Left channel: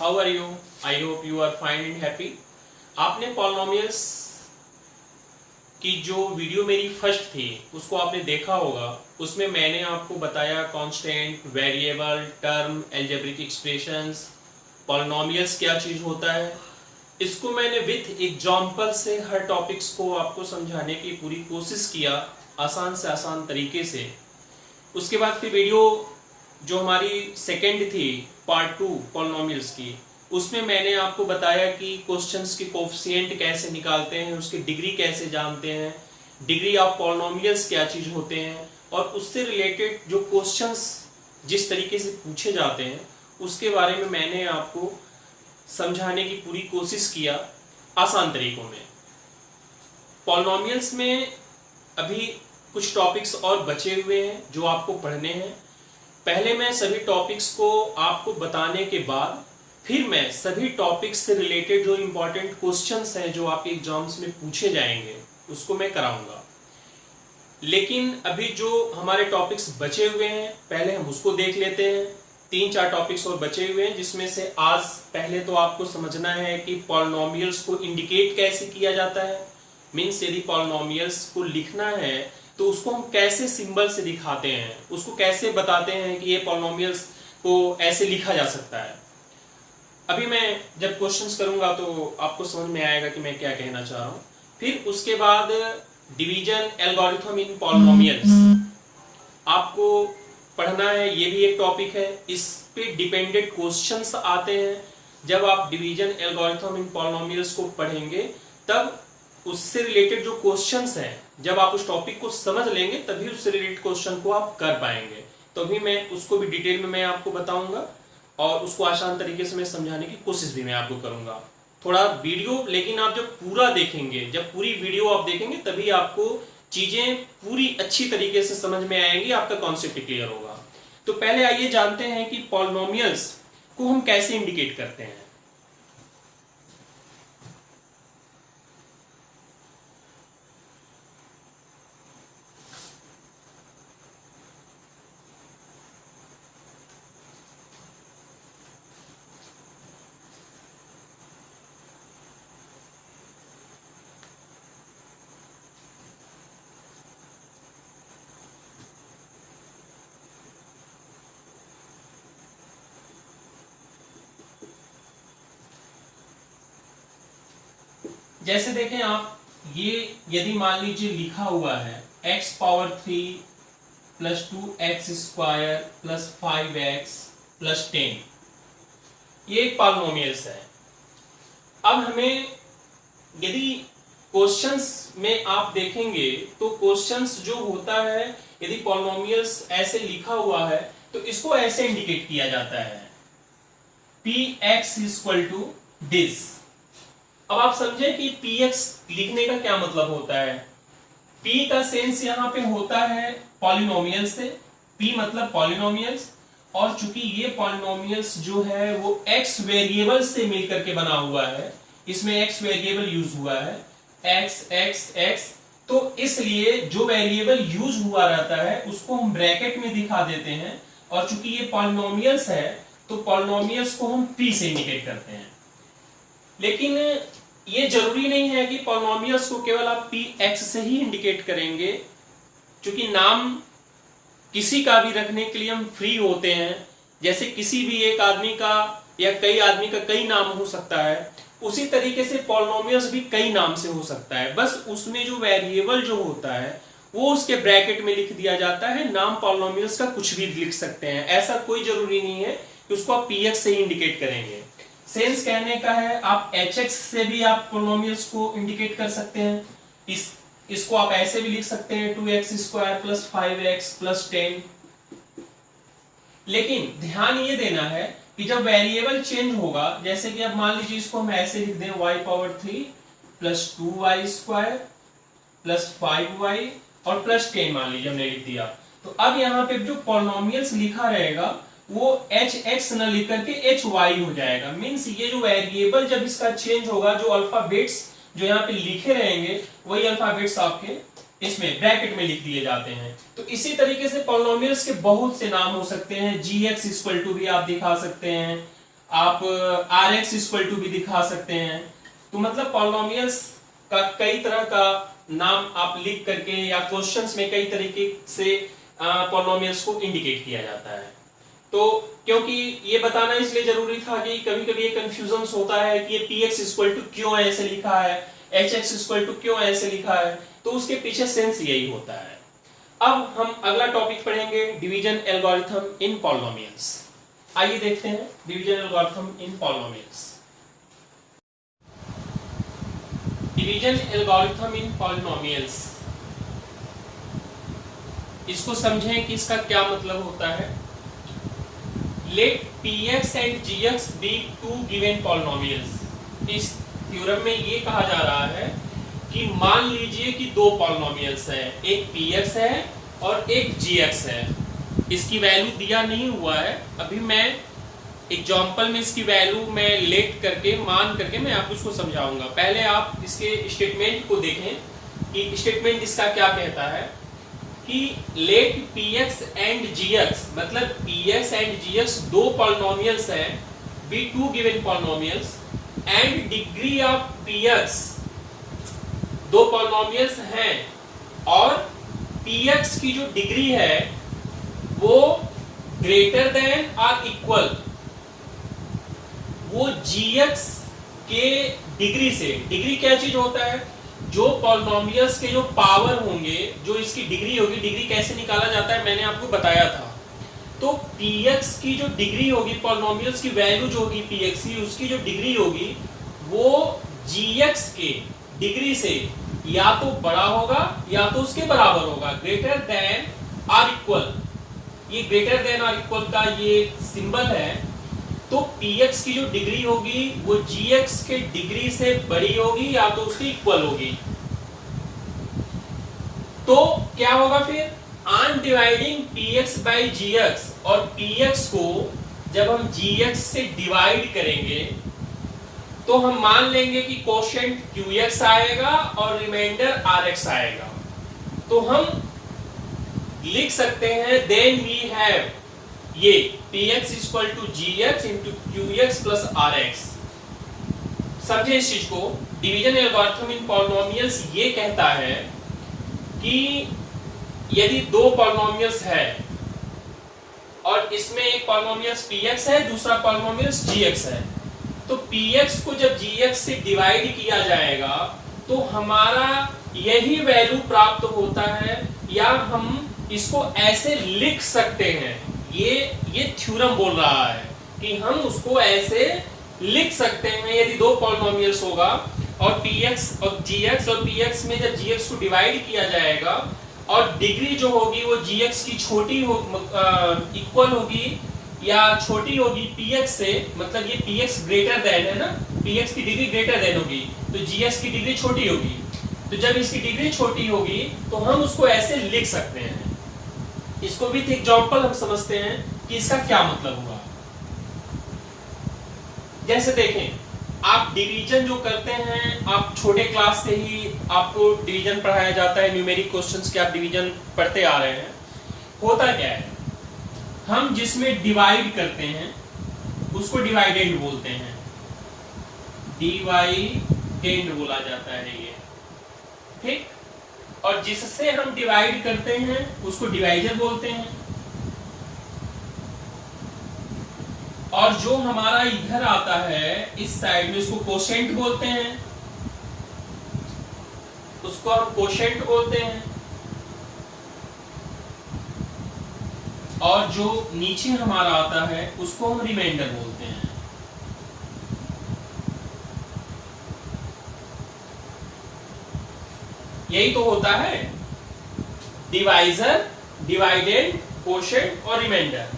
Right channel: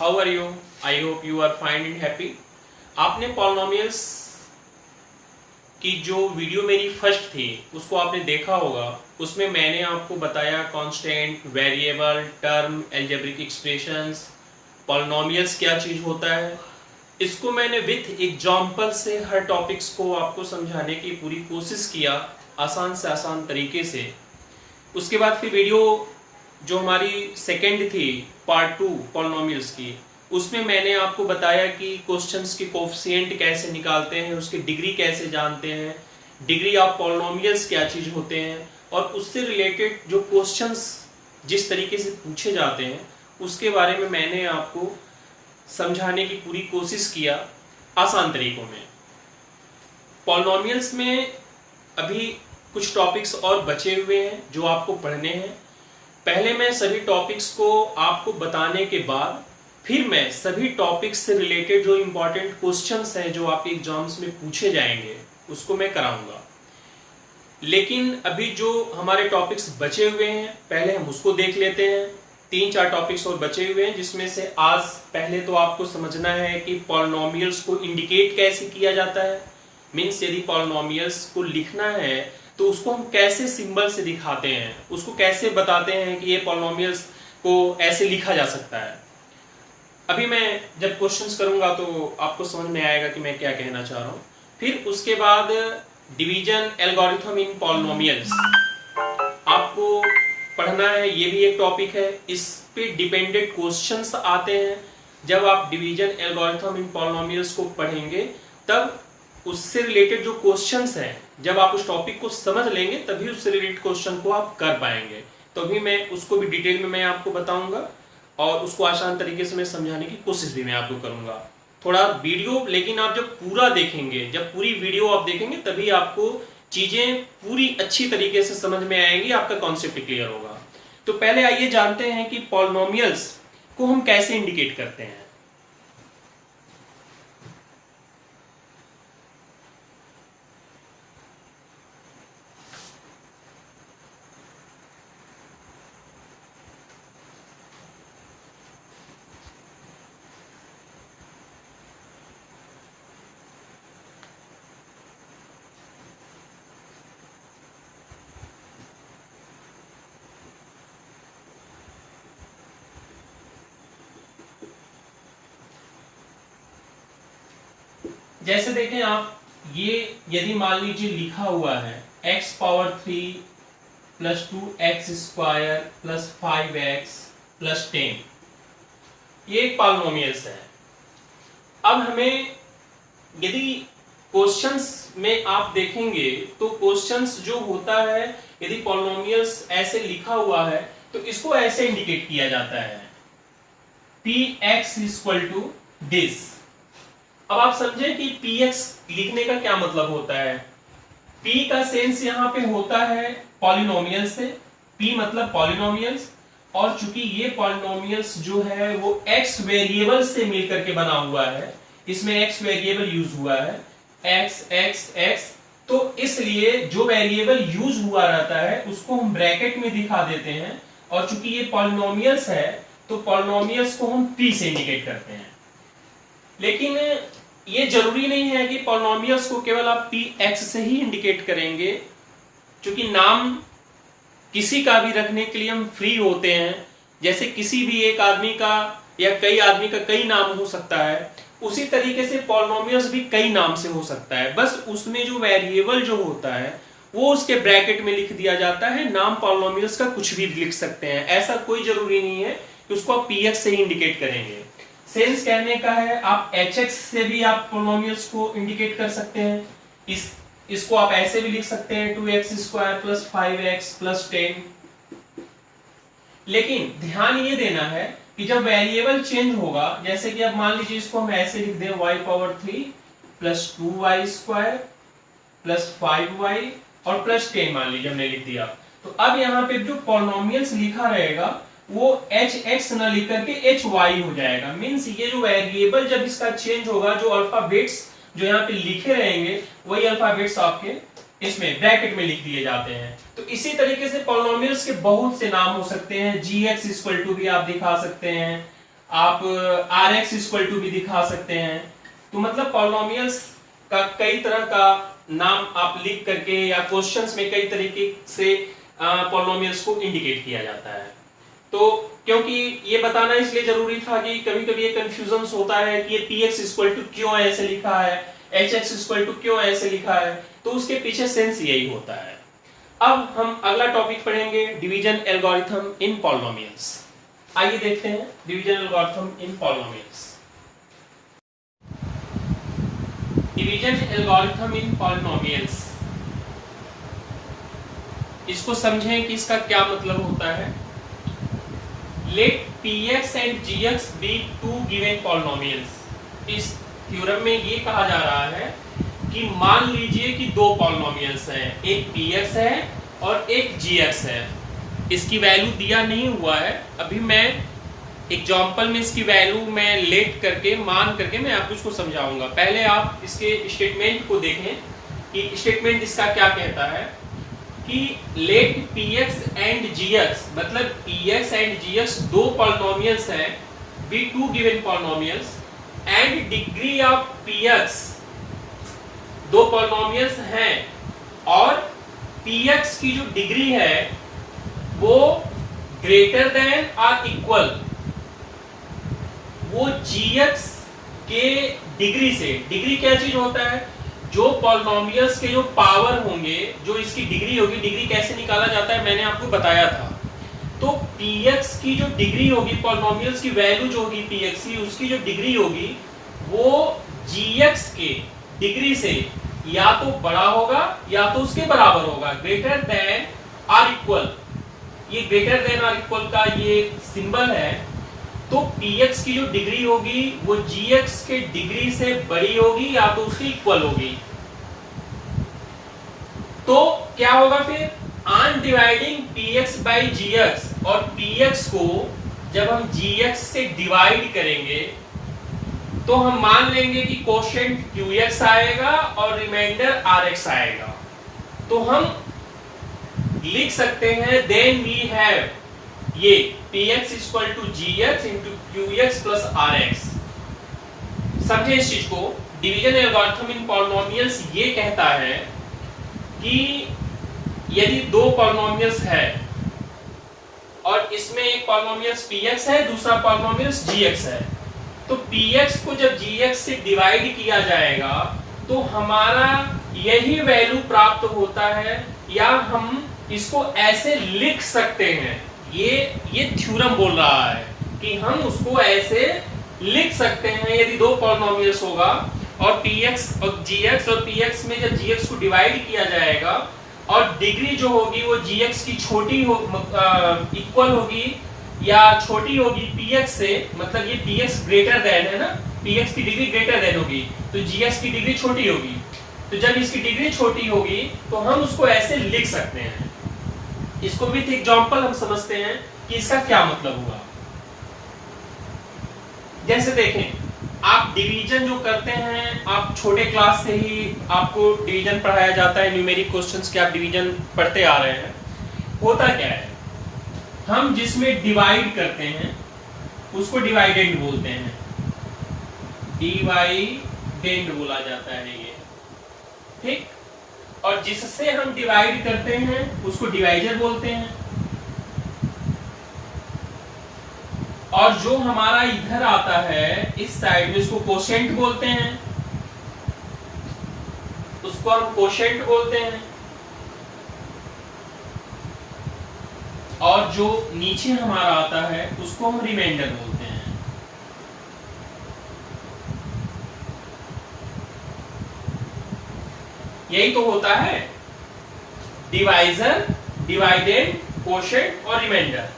How are you? I hope you are fine and happy. आपने polynomials की जो video मेरी फर्स्ट थी उसको आपने देखा होगा। उसमें मैंने आपको बताया constant, variable, term, algebraic expressions, polynomials क्या चीज होता है। इसको मैंने विथ एग्जांपल से हर टॉपिक्स को आपको समझाने की पूरी कोशिश किया, आसान से आसान तरीके से। उसके बाद फिर वीडियो जो हमारी सेकंड थी पार्ट 2 पॉलिनोमियल्स की, उसमें मैंने आपको बताया कि क्वेश्चंस के कोफिशिएंट कैसे निकालते हैं, उसकी डिग्री कैसे जानते हैं, डिग्री ऑफ पॉलिनोमियल्स क्या चीज होते हैं, और उससे रिलेटेड जो क्वेश्चंस जिस तरीके से पूछे जाते हैं उसके बारे में मैंने आपको समझाने की पूरी कोशिश किया आसान तरीकों में। पॉलिनोमियल्स में अभी कुछ टॉपिक्स और बचे हुए हैं जो आपको पढ़ने हैं। पहले मैं सभी टॉपिक्स को आपको बताने के बाद फिर मैं सभी टॉपिक्स से रिलेटेड जो इंपॉर्टेंट क्वेश्चंस हैं जो आपके एग्जाम्स में पूछे जाएंगे उसको मैं कराऊंगा। लेकिन अभी जो हमारे टॉपिक्स बचे हुए हैं पहले हम उसको देख लेते हैं। 3-4 टॉपिक्स और बचे हुए हैं जिसमें से आज पहले तो आपको समझना है कि पॉलिनोमियल्स को इंडिकेट कैसे किया जाता है। मीन्स यदि पॉलिनोमियल्स को लिखना है तो उसको हम कैसे सिंबल से दिखाते हैं, उसको कैसे बताते हैं कि ये पॉलिनोमियल्स को ऐसे लिखा जा सकता है। अभी मैं जब क्वेश्चंस करूंगा तो आपको समझ में आएगा कि मैं क्या कहना चाह रहा हूं। फिर उसके बाद डिवीजन एल्गोरिथम इन पॉलिनोमियल्स आपको पढ़ना है, ये भी एक टॉपिक है। इस पे डिपेंडेंट क्वेश्चंस आते हैं। जब आप डिवीजन एल्गोरिथम इन पॉलिनोमियल्स को पढ़ेंगे तब उससे रिलेटेड जो क्वेश्चंस हैं, जब आप उस टॉपिक को समझ लेंगे तभी उससे रिलेटेड क्वेश्चन को आप कर पाएंगे। तो अभी मैं उसको भी डिटेल में मैं आपको बताऊंगा और उसको आसान तरीके से मैं समझाने की कोशिश भी मैं आपको करूंगा। थोड़ा वीडियो लेकिन आप जब पूरा देखेंगे, जब पूरी वीडियो आप देखेंगे तभी आपको चीजें पूरी अच्छी तरीके से समझ में आएंगी, आपका कॉन्सेप्ट क्लियर होगा। तो पहले आइए जानते हैं कि पॉलिनोमियल्स को हम कैसे इंडिकेट करते हैं। जैसे देखें आप, ये यदि मान लीजिए लिखा हुआ है x power 3 plus 2x square plus 5x plus 10, ये एक पॉलिनोमियल्स है। अब हमें यदि क्वेश्चंस में आप देखेंगे तो क्वेश्चंस जो होता है, यदि पॉलिनोमियल्स ऐसे लिखा हुआ है तो इसको ऐसे इंडिकेट किया जाता है px इक्वल टू दिस। अब आप समझे कि px लिखने का क्या मतलब होता है। p का सेंस यहां पे होता है पॉलिनोमियल से, p मतलब पॉलिनोमियल्स, और चूंकि ये पॉलिनोमियल्स जो है वो x वेरिएबल से मिलकर के बना हुआ है, इसमें x वेरिएबल यूज हुआ है x x x, तो इसलिए जो वेरिएबल यूज हुआ रहता है उसको हम ब्रैकेट में दिखा देते हैं। और चूंकि ये पॉलिनोमियल्स है तो पॉलिनोमियल्स को हम p से इंडिकेट करते हैं। लेकिन ये जरूरी नहीं है कि पॉलिनोमियल्स को केवल आप px से ही इंडिकेट करेंगे, क्योंकि नाम किसी का भी रखने के लिए हम फ्री होते हैं। जैसे किसी भी एक आदमी का या कई आदमी का कई नाम हो सकता है, उसी तरीके से पॉलिनोमियल्स भी कई नाम से हो सकता है। बस उसमें जो वेरिएबल जो होता है वो उसके ब्रैकेट में लिख दिया जाता है। नाम पॉलिनोमियल्स का कुछ भी लिख सकते हैं, ऐसा कोई जरूरी नहीं है कि उसको आप px से ही इंडिकेट करेंगे। सेंस कहने का है आप hx से भी आप पॉलिनोमियल्स को इंडिकेट कर सकते हैं। इसको आप ऐसे भी लिख सकते हैं 2x square plus 5x plus 10। लेकिन ध्यान ये देना है कि जब वेरिएबल चेंज होगा, जैसे कि अब मान लीजिए इसको हम ऐसे लिख दें y power 3 plus 2y square plus 5y और प्लस 10 मान लीजिए हमने लिख दिया। तो अब यहाँ पे जो पॉलिनोमियल्स लिखा रहेगा वो hx न लिख करके hy हो जाएगा। मीन्स ये जो वेरिएबल जब इसका चेंज होगा, जो अल्फाबेट्स जो यहाँ पे लिखे रहेंगे वही अल्फाबेट्स आपके इसमें ब्रैकेट में लिख दिए जाते हैं। तो इसी तरीके से पॉलिनोमियल्स के बहुत से नाम हो सकते हैं। gx इक्वल टू भी आप दिखा सकते हैं, आप Rx इक्वल टू भी दिखा सकते हैं। तो मतलब पॉलिनोमियल्स का कई तरह का नाम आप लिख करके या क्वेश्चंस में कई तरीके से पॉलिनोमियल्स को इंडिकेट किया जाता है। तो क्योंकि ये बताना इसलिए जरूरी था कि कभी कभी ये कंफ्यूजन होता है कि ये px इक्वल टू क्यों ऐसे लिखा है, hx इक्वल टू क्यों ऐसे लिखा है, तो उसके पीछे सेंस यही होता है। अब हम अगला टॉपिक पढ़ेंगे, डिवीजन एल्गोरिथम इन पॉलिनोमियल्स। आइए देखते हैं division algorithm in polynomials. Division algorithm in polynomials, इसको समझें कि इसका क्या मतलब होता है। Let px and gx be two given polynomials. इस थ्योरम में ये कहा जा रहा है कि मान लीजिए कि दो पॉलिनोमियल्स हैं, एक px है और एक gx है। इसकी वैल्यू दिया नहीं हुआ है, अभी मैं एग्जांपल में इसकी वैल्यू मैं लेट करके मान करके मैं आपको इसको समझाऊंगा। पहले आप इसके स्टेटमेंट को देखें कि स्टेटमेंट इसका क्या कहता है कि लेट px एंड gx, मतलब px एंड gx दो पॉलिनोमियल्स हैं, be two given polynomials and degree of px, दो पॉलिनोमियल्स हैं और px की जो डिग्री है वो ग्रेटर देन और इक्वल वो gx के डिग्री से। डिग्री क्या चीज होता है, जो पॉलिनोमियल्स के जो पावर होंगे, जो इसकी डिग्री होगी, डिग्री कैसे निकाला जाता है मैंने आपको बताया था। तो px की जो डिग्री होगी, पॉलिनोमियल्स की वैल्यू जो होगी px की, उसकी जो डिग्री होगी वो gx के डिग्री से या तो बड़ा होगा या तो उसके बराबर होगा, ग्रेटर देन और इक्वल। ये ग्रेटर देन और इक्वल का ये सिंबल है। तो px की जो डिग्री होगी वो gx के डिग्री से बड़ी होगी या तो उसके इक्वल होगी। तो क्या होगा फिर, on dividing px by gx, और px को जब हम gx से डिवाइड करेंगे तो हम मान लेंगे कि कोशेंट qx आएगा और रिमाइंडर rx आएगा। तो हम लिख सकते हैं देन वी हैव ये px equal to gx into qx plus rx। समझे इस चीज को। डिवीजन एल्गोरिथम इन पॉलिनोमियल्स ये कहता है कि यदि दो पॉलिनोमियल्स है और इसमें एक पॉलिनोमियल्स px है, दूसरा पॉलिनोमियल्स gx है, तो px को जब gx से डिवाइड किया जाएगा तो हमारा यही वैल्यू प्राप्त होता है, या हम इसको ऐसे लिख सकते हैं। ये थ्योरम बोल रहा है कि हम उसको ऐसे लिख सकते हैं, यदि दो पॉलिनोमियल्स होगा और px और gx, और px में जब gx को डिवाइड किया जाएगा और डिग्री जो होगी वो gx की छोटी हो इक्वल होगी या छोटी होगी px से, मतलब ये px ग्रेटर देन है ना, px की डिग्री ग्रेटर देन होगी तो gx की डिग्री छोटी होगी। तो जब इसकी डिग्री छोटी होगी तो हम उसको ऐसे लिख सकते हैं। इसको विथ एग्जांपल हम समझते हैं कि इसका क्या मतलब हुआ। जैसे देखें, आप डिवीजन जो करते हैं, आप छोटे क्लास से ही आपको डिवीजन पढ़ाया जाता है, न्यूमेरिक क्वेश्चंस के आप डिवीजन पढ़ते आ रहे हैं। होता क्या है, हम जिसमें डिवाइड करते हैं उसको डिवाइडेंड बोलते हैं, डिवाइडेंड बोला जाता है ये, ठीक। और जिससे हम डिवाइड करते हैं उसको डिवाइजर बोलते हैं, और जो हमारा इधर आता है इस साइड में उसको कोशेंट बोलते हैं, उसको हम कोशेंट बोलते हैं, और जो नीचे हमारा आता है उसको हम रिमाइंडर बोलते हैं। यही तो होता है डिवाइजर, डिवाइडेंड, कोशेंट और रिमाइंडर।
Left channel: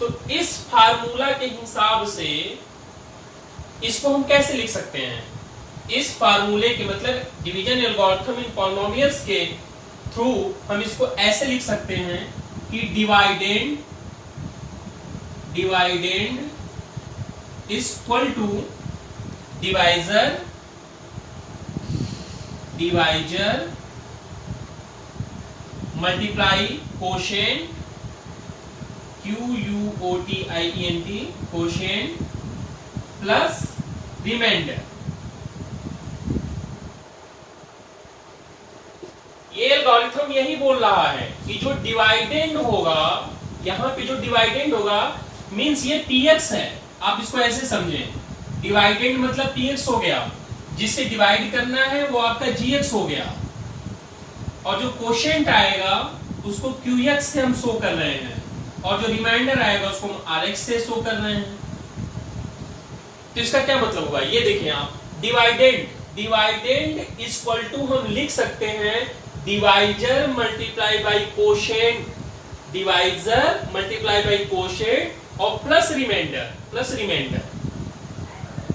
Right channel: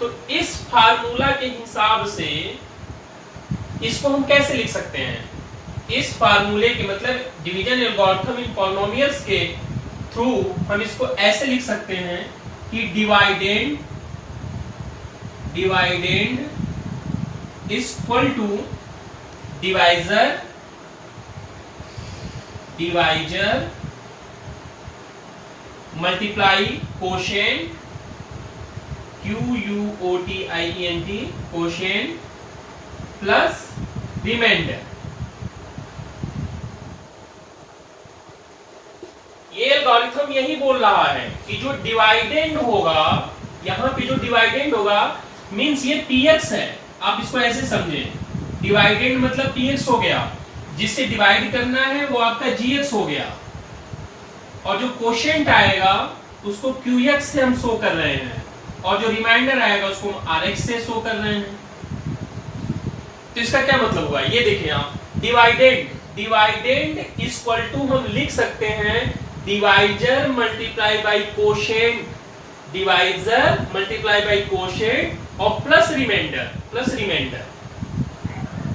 तो इस फार्मूला के हिसाब से इसको हम कैसे लिख सकते हैं, इस फार्मूले के मतलब डिवीजन एल्गोरिथम इन पॉलिनोमियल्स के थ्रू हम इसको ऐसे लिख सकते हैं कि dividend is equal to divisor multiply quotient, QUOTIENT, quotient plus remainder. ये एल्गोरिथम यही बोल रहा है कि जो डिवाइडेंड होगा, यहां पे जो डिवाइडेंड होगा मींस ये px है। आप इसको ऐसे समझें, डिवाइडेंड मतलब px हो गया, जिससे डिवाइड करना है वो आपका gx हो गया, और जो कोशेंट आएगा उसको qx से हम शो कर रहे हैं, और जो रिमाइंडर आएगा उसको हम rx से शो कर रहे हैं। तो इसका क्या मतलब हुआ, ये देखिए आप, डिवाइडेंड इक्वल टू हम लिख सकते हैं divisor multiply by quotient, divisor multiply by quotient और प्लस रिमाइंडर।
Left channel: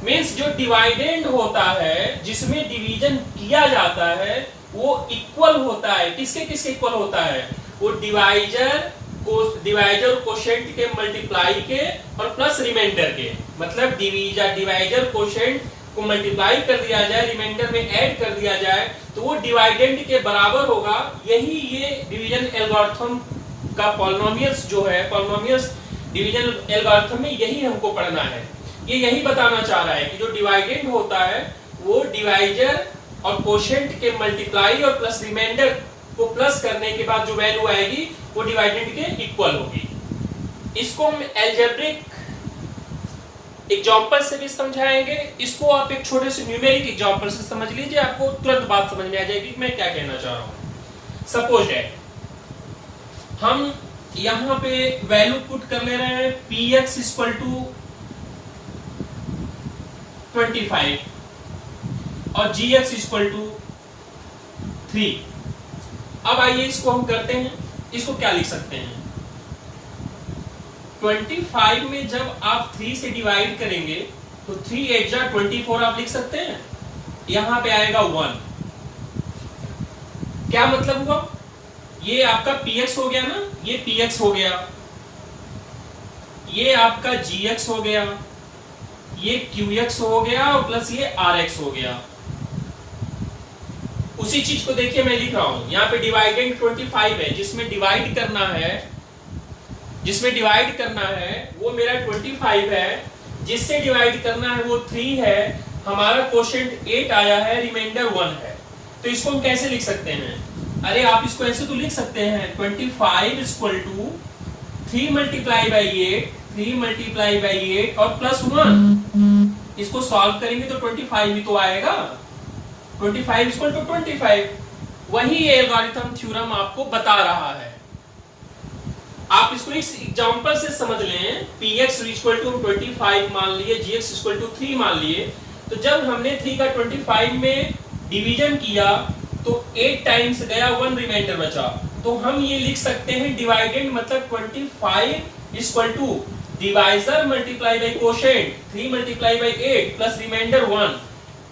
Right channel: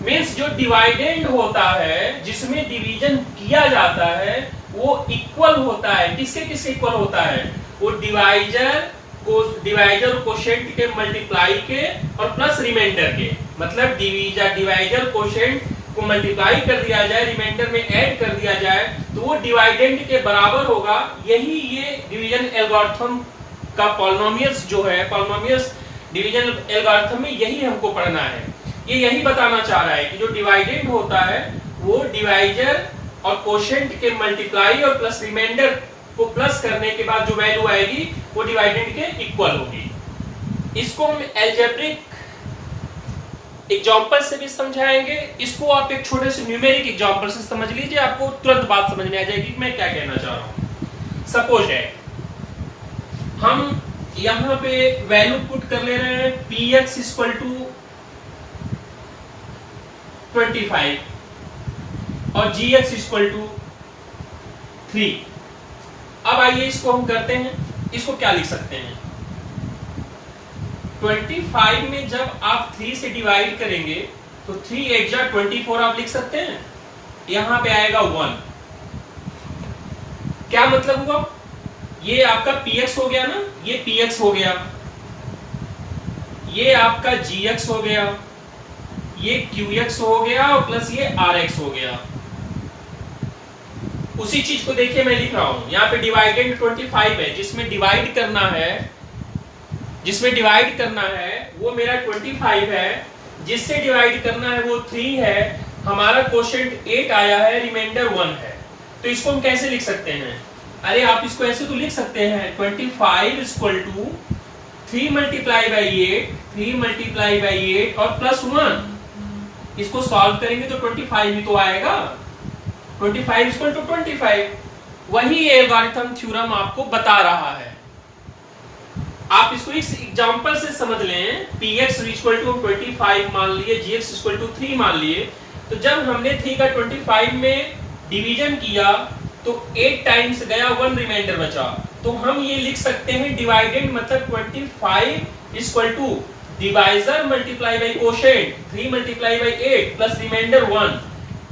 मींस जो डिवाइडेंड होता है, जिसमें डिवीजन किया जाता है, वो इक्वल होता है किसके किसके इक्वल होता है, वो डिवाइजर कोशेंट के मल्टीप्लाई के और प्लस रिमाइंडर के। मतलब डिवाइजर कोशेंट को मल्टीप्लाई कर दिया जाए, रिमाइंडर में ऐड कर दिया जाए, तो वो डिवाइडेंड के बराबर होगा। यही ये डिवीजन एल्गोरिथम का पॉलिनोमियल्स जो है, पॉलिनोमियल्स डिवीजन एल्गोरिथम में यही हमको पढ़ना है। ये यही बताना चाह रहा है कि जो डिवाइडेंड होता है वो डिवाइजर और कोशेंट के मल्टीप्लाई और प्लस रिमाइंडर को प्लस करने के बाद जो वैल्यू आएगी वो डिवाइडेंड के इक्वल होगी। इसको हम अलजेब्रिक एग्जांपल से भी समझाएंगे। इसको आप एक छोटे से न्यूमेरिक एग्जांपल से समझ लीजिए, आपको तुरंत बात समझ में आ जाएगी कि मैं क्या कहना चाह रहा हूं। सपोज है हम यहां पे वैल्यू पुट कर ले रहे हैं px इक्वल टू 25 और gx इक्वल टू 3। अब आइए इसको हम करते हैं, इसको क्या लिख सकते हैं, 25 में जब आप 3 से डिवाइड करेंगे तो 3 8 जा 24 आप लिख सकते हैं, यहां पे आएगा 1। क्या मतलब हुआ, ये आपका px हो गया ना, ये px हो गया, ये आपका gx हो गया, ये qx हो गया और प्लस ये rx हो गया। उसी चीज को देखिए मैं लिख रहा हूं, यहां पे डिवाइडेंड 25 है, जिसमें डिवाइड करना है वो मेरा 25 है, जिससे डिवाइड करना है वो 3 है, हमारा क्वोशिएंट 8 आया है, रिमाइंडर 1 है। तो इसको हम कैसे लिख सकते हैं, अरे आप इसको ऐसे तो लिख सकते हैं 25 इक्वल टू 3 मल्टीप्लाई बाई 8 और प्लस 1। इसको सॉल्व करेंगे तो 25 ही तो आएगा, 25 इक्वल टू 25। वही एल्गोरिथम थ्योरम आपको बता रहा है। आप इसको इस एग्जांपल से समझ लें, px इक्वल टू 25 मान लिए, gx इक्वल टू 3 मान लिए, तो जब हमने 3 का 25 में डिवीजन किया तो 8 टाइम्स गया, 1 रिमाइंडर बचा। तो हम ये लिख सकते हैं डिवाइडेंड मतलब 25 equal to divisor multiply by quotient 3 multiply by 8 plus remainder 1।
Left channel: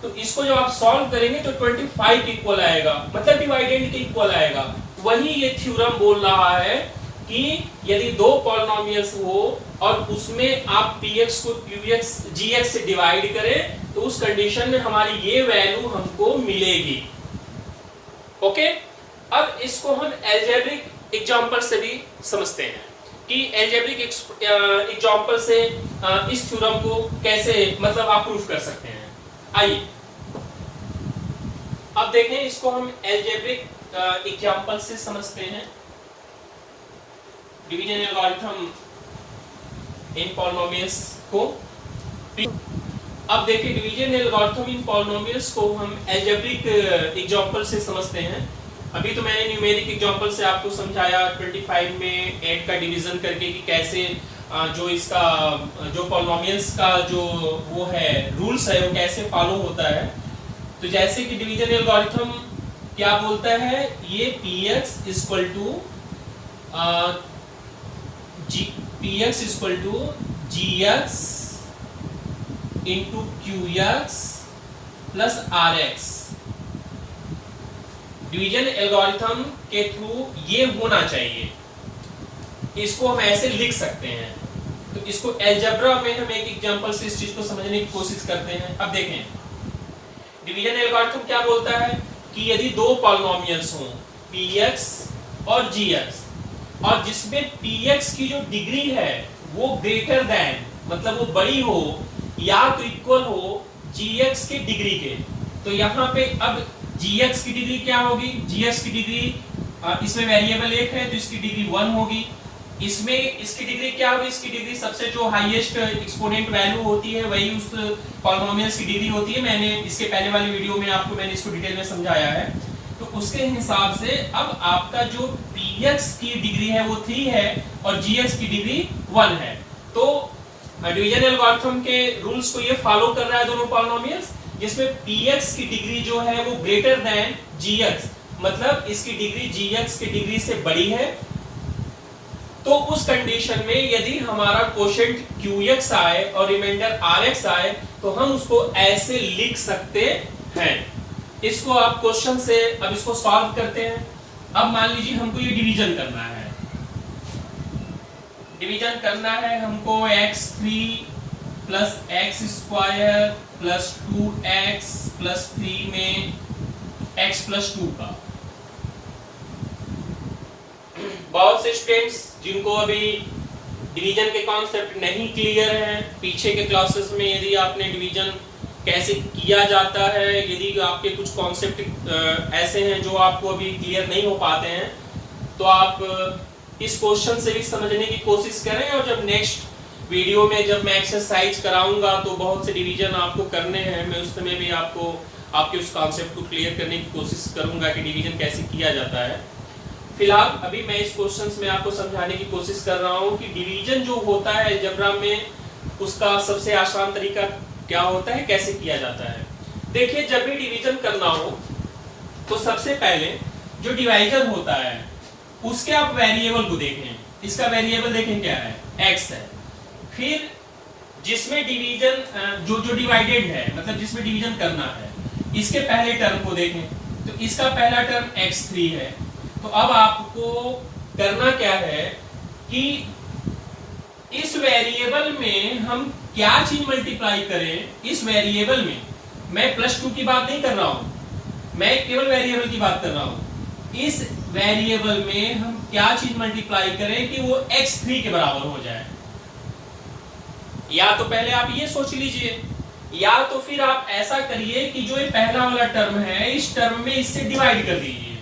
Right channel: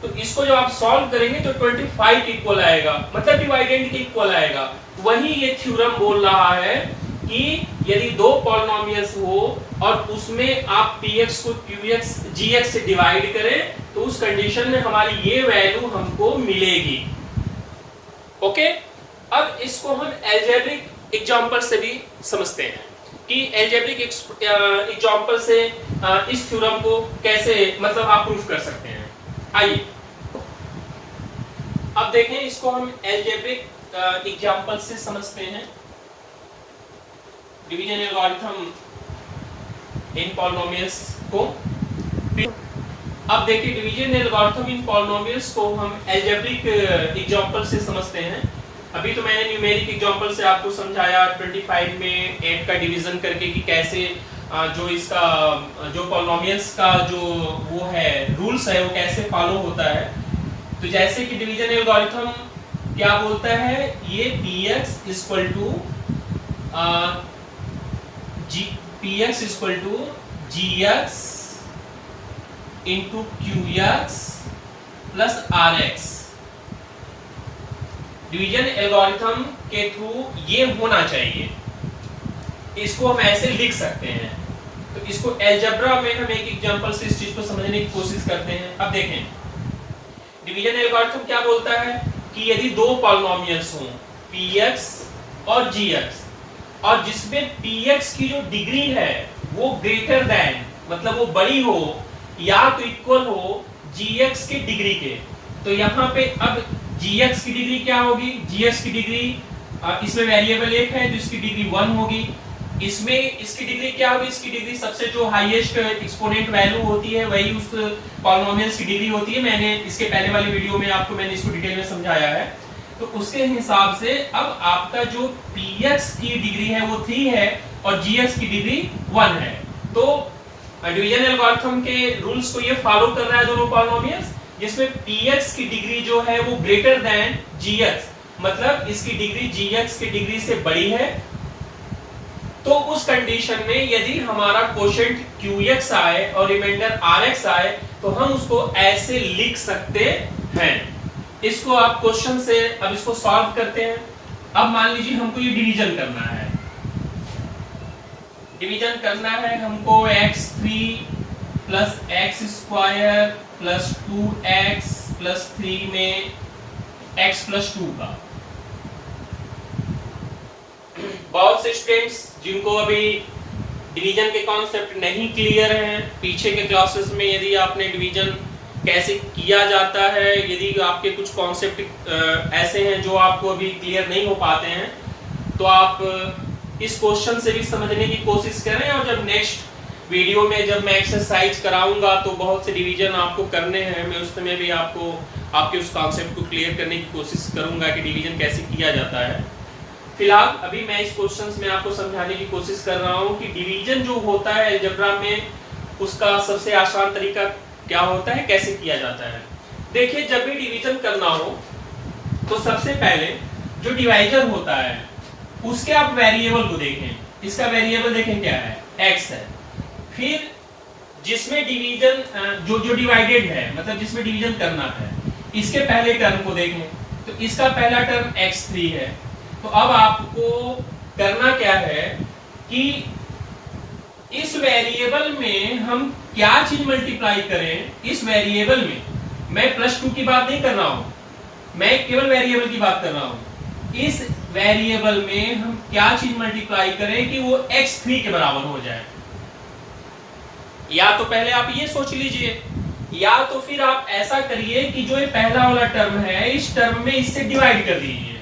तो इसको जब आप सॉल्व करेंगे तो 25 के इक्वल आएगा, मतलब डिवाइडेंड के इक्वल आएगा। वही ये थ्योरम बोल रहा है कि यदि दो पॉलिनोमियल्स हो और उसमें आप px को qx gx से डिवाइड करें तो उस कंडीशन में हमारी ये वैल्यू हमको मिलेगी। ओके, अब इसको हम अलजेब्रिक एग्जांपल से भी समझते हैं कि अलजेब्रिक एग्जांपल से इस थ्योरम को कैसे मतलब आप प्रूफ कर सकते हैं। आइए अब देखें, इसको हम अलजेब्रिक एग्जांपल से समझते हैं, डिवीजन एल्गोरिथम इन पॉलिनोमियल्स को। अब देखिए डिवीजन एल्गोरिथम इन पॉलिनोमियल्स को हम अलजेब्रिक एग्जांपल से समझते हैं। अभी तो मैंने न्यूमेरिक एग्जांपल से आपको समझाया 25 में 8 का डिवीजन करके कि कैसे जो इसका जो पॉलिनोमियल्स का जो वो है रूल्स है वो कैसे फॉलो होता है। तो जैसे कि डिवीजन एल्गोरिथम क्या बोलता है, ये px equal to gx into qx plus rx। Division algorithm के थ्रू ये होना चाहिए, इसको हम ऐसे लिख सकते हैं। तो इसको अलजेब्रा में हम एक एग्जांपल से इस चीज को समझने की कोशिश करते हैं। अब देखें डिवीजन एल्गोरिथम क्या बोलता है कि यदि दो पॉलिनोमियल्स हों px और gx, और जिसमें px की जो डिग्री है वो ग्रेटर देन मतलब वो बड़ी हो या तो इक्वल हो gx के डिग्री के। तो यहाँ पे अब gx की डिग्री क्या होगी, gx की डिग्री इसमें वेरिएबल एक है तो इसकी डिग्री 1 होगी। इसमें इसकी डिग्री क्या होगी, इसकी डिग्री सबसे जो हाईएस्ट एक्सपोनेंट वैल्यू होती है वही उस पॉलिनोमियल्स की डिग्री होती है। मैंने इसके पहले वाली वीडियो में मैंने इसको डिटेल में समझाया है। तो उसके हिसाब से अब आपका जो px की डिग्री है वो 3 है और gx की डिग्री 1 है। तो डिवीजन एल्गोरिथम के रूल्स को ये फॉलो कर रहा है दोनों पॉलिनोमियल्स, जिसमें px की डिग्री जो है वो ग्रेटर देन gx, मतलब इसकी डिग्री gx की डिग्री से बड़ी है। तो उस कंडीशन में यदि हमारा कोशेंट qx आए और रिमाइंडर rx आए तो हम उसको ऐसे लिख सकते हैं। इसको आप क्वेश्चन से अब इसको सॉल्व करते हैं। अब मान लीजिए हमको ये डिवीजन करना है, डिवीजन करना है हमको x3 plus x square plus 2x plus 3 में x प्लस 2 का। बहुत से स्टूडेंट्स जिनको अभी डिवीजन के कॉन्सेप्ट नहीं क्लियर हैं, पीछे के क्लासेस में यदि आपने डिवीजन कैसे किया जाता है, यदि आपके कुछ कॉन्सेप्ट ऐसे हैं जो आपको अभी क्लियर नहीं हो पाते हैं, तो आप इस क्वेश्चन से भी समझने की कोशिश करें। और जब नेक्स्ट वीडियो में जब मैं एक्सरसाइज कराऊंगा तो बहुत से डिवीजन आपको करने हैं, मैं उस समय भी आपको आपके उस कॉन्सेप्ट को क्लियर करने की कोशिश करूंगा कि डिवीजन कैसे किया जाता है। फिलहाल अभी मैं इस क्वेश्चंस में आपको समझाने की कोशिश कर रहा हूं कि डिवीजन जो होता है अलजेब्रा में उसका सबसे आसान तरीका क्या होता है, कैसे किया जाता है। देखिए, जब भी डिवीजन करना हो तो सबसे पहले जो डिवाइजर होता है उसके आप वेरिएबल को देखें। इसका वेरिएबल देखें क्या है, x है। फिर जिसमें डिवीजन जो डिवाइडेड है, मतलब जिसमें डिवीजन करना है, इसके पहले टर्म को देखें। तो इसका पहला टर्म x3 है। तो अब आपको करना क्या है कि इस वेरिएबल में हम क्या चीज मल्टीप्लाई करें। इस वेरिएबल में मैं +2 की बात नहीं कर रहा हूं, मैं केवल वेरिएबल की बात कर रहा हूं। इस वेरिएबल में हम क्या चीज मल्टीप्लाई करें कि वो x3 के बराबर हो जाए। या तो पहले आप ये सोच लीजिए, या तो फिर आप ऐसा करिए कि जो ये पहला वाला टर्म है इस टर्म में इससे डिवाइड कर दीजिए।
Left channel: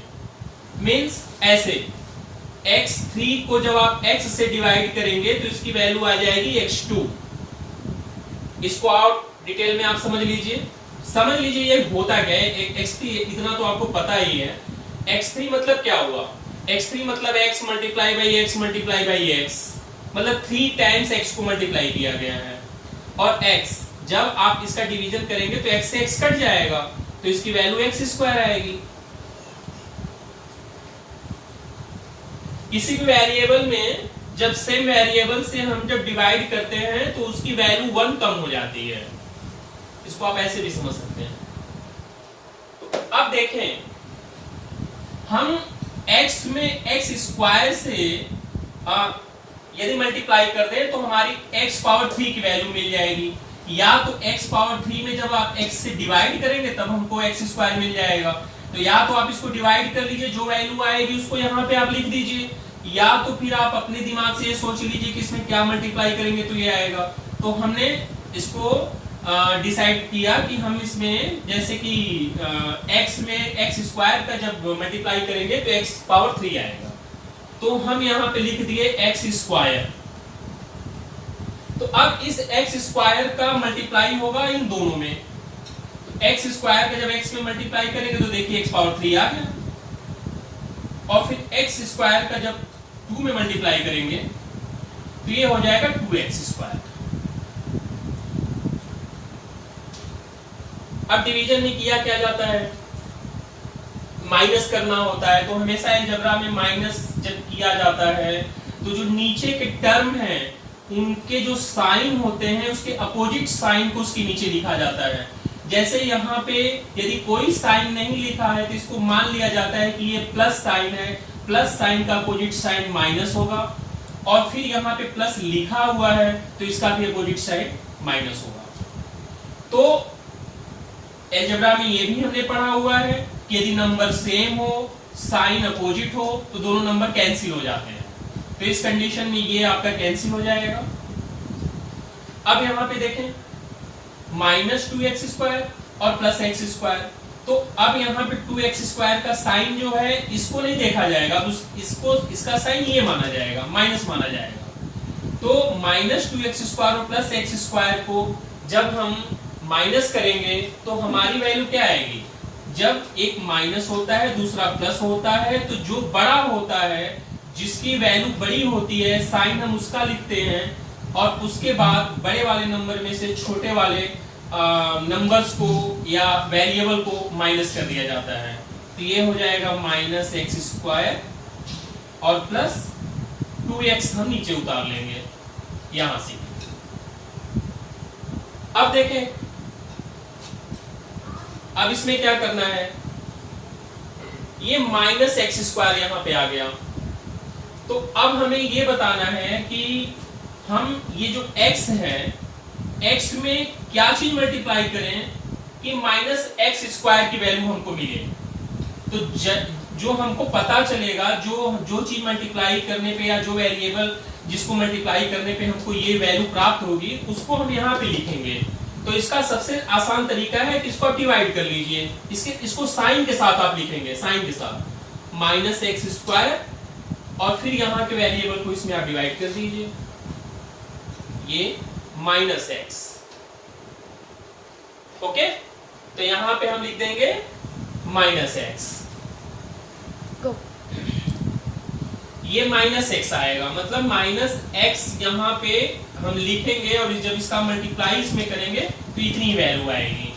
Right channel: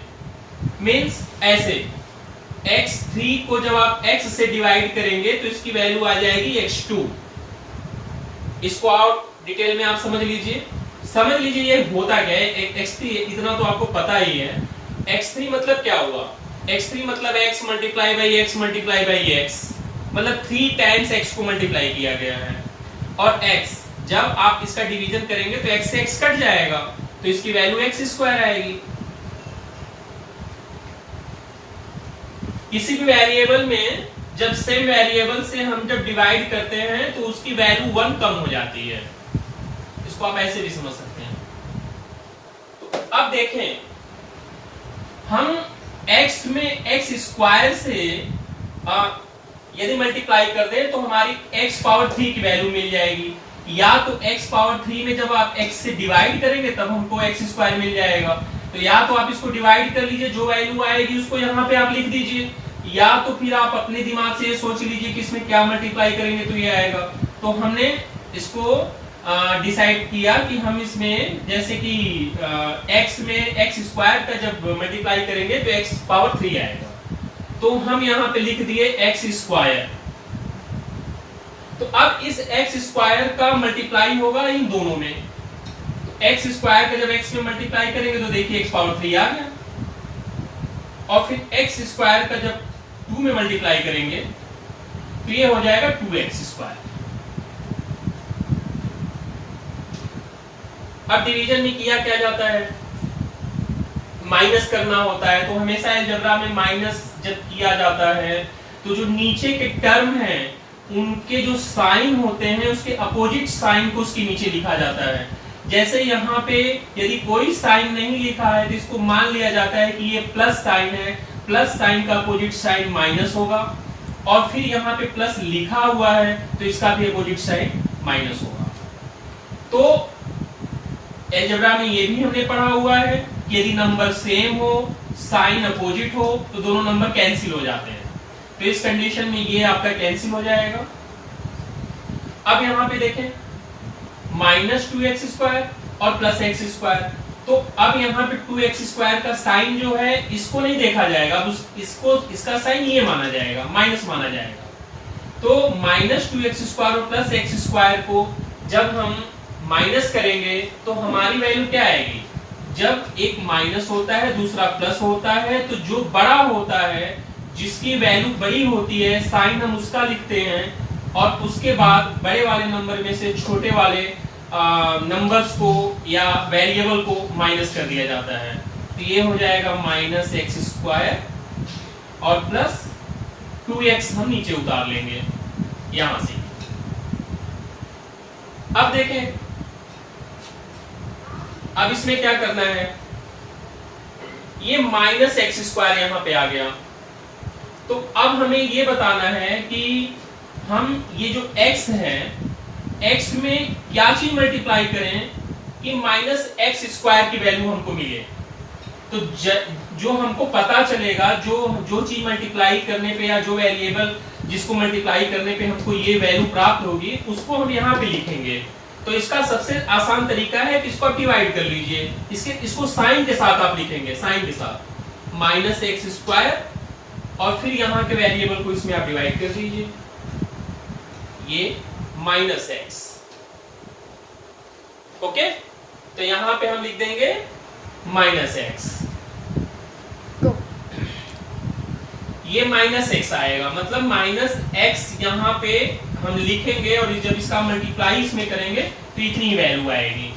मीन्स ऐसे x3 को जब आप x से डिवाइड करेंगे तो इसकी वैल्यू आ जाएगी x2। इसको आप डिटेल में आप समझ लीजिए ये होता क्या है। x3 इतना तो आपको पता ही है। x3 मतलब क्या हुआ, x3 मतलब x multiply by x multiply by x, मतलब 3 टाइम्स x को मल्टीप्लाई किया गया है। और x जब आप इसका डिवीजन करेंगे तो x से x कट जाएगा तो इसकी वैल्यू x स्क्वायर आएगी। किसी भी वेरिएबल में जब सेम वेरिएबल से हम जब डिवाइड करते हैं तो उसकी वैल्यू 1 कम हो जाती है। इसको आप ऐसे भी समझ सकते हैं। तो अब देखें, हम x में x स्क्वायर से यदि मल्टीप्लाई कर दें तो हमारी x पावर 3 की वैल्यू मिल जाएगी। या तो x पावर 3 में जब आप x से डिवाइड करेंगे तब हमको x स्क्वायर मिल जाएगा। तो या तो आप इसको डिवाइड कर लीजिए, जो वैल्यू आएगी उसको यहाँ पे आप लिख दीजिए, या तो फिर आप अपने दिमाग से ये सोच लीजिए कि इसमें क्या मल्टीप्लाई करेंगे तो ये आएगा। तो हमने इसको डिसाइड किया कि हम इसमें जैसे कि x में x स्क्वायर का जब मल्टीप्लाई करेंगे तो x पावर 3 आएगा। तो हम यहाँ पे लिख दिए x स्क्वायर। तो अब इस x स्क्वायर का मल्टीप्लाई होगा इन दोनों में। x स्क्वायर का जब x में मल्टीप्लाई करेंगे तो देखिए x पावर 3 आ गया। और फिर x स्क्वायर का जब 2 में मल्टीप्लाई करेंगे तो ये हो जाएगा 2x स्क्वायर। अब डिवीजन में किया क्या जाता है, माइनस करना होता है। तो हमेशा अलजेब्रा में माइनस जब किया जाता है तो जो नीचे के टर्म हैं उनके जो साइन होते हैं उसके अपोजिट साइन को उसके नीचे लिखा जाता है। जैसे यहाँ पे यदि कोई साइन नहीं लिखा है तो इसको मान लिया जाता है कि ये प्लस साइन है, प्लस साइन का अपोजिट साइन माइनस होगा। और फिर यहाँ पे प्लस लिखा हुआ है तो इसका भी अपोजिट साइन माइनस होगा। तो अलजेब्रा में ये भी हमने पढ़ा हुआ है कि यदि नंबर सेम हो, साइन अपोजिट हो तो दोनों नंबर कैंसिल हो जाते हैं। तो इस कंडीशन में ये आपका कैंसिल हो जाएगा। अब यहाँ पे देखें, माइनस 2x² और प्लस x²। तो अब यहाँ पे 2x² का साइन जो है इसको नहीं देखा जाएगा, अब इसको इसका साइन ये माना जाएगा, माइनस माना जाएगा। तो माइनस 2x² और प्लस x² को जब हम माइनस करेंगे तो हमारी वैल्यू क्या आएगी? जब एक माइनस होता है दूसरा प्लस होता है तो जो बड़ा होता है, जिसकी वैल्यू बड़ी होती है, साइन हम उसका लिखते हैं और उसके बाद बड़े वाले नंबर में से छोटे वाले नंबर्स को या वेरिएबल को माइनस कर दिया जाता है। तो ये हो जाएगा माइनस x² और प्लस 2x हम नीचे उतार लेंगे यहां से। अब देखें, अब इसमें क्या करना है, ये माइनस x² यहां पे आ गया। तो अब हमें ये बताना है कि हम ये जो x है, x में क्या चीज मल्टीप्लाई करें कि माइनस x² की वैल्यू हमको मिले। तो जो हमको पता चलेगा, जो चीज मल्टीप्लाई करने पे या जो वेरिएबल जिसको मल्टीप्लाई करने पे हमको ये वैल्यू प्राप्त होगी, उसको हम यहाँ पे लिखेंगे। तो इसका सबसे आसान तरीका है कि इसको आप डिवाइड कर लीजिए, इसको साइन के साथ आप लिखेंगे, साइन के साथ माइनस x² और फिर यहाँ के वेरिएबल को इसमें आप डिवाइड कर दीजिए, ये माइनस x। ओके, तो यहां पे हम लिख देंगे माइनस x। ये माइनस x आएगा, मतलब माइनस x यहां पे हम लिखेंगे और जब इसका मल्टीप्लाई इसमें करेंगे तो इतनी वैल्यू आएगी।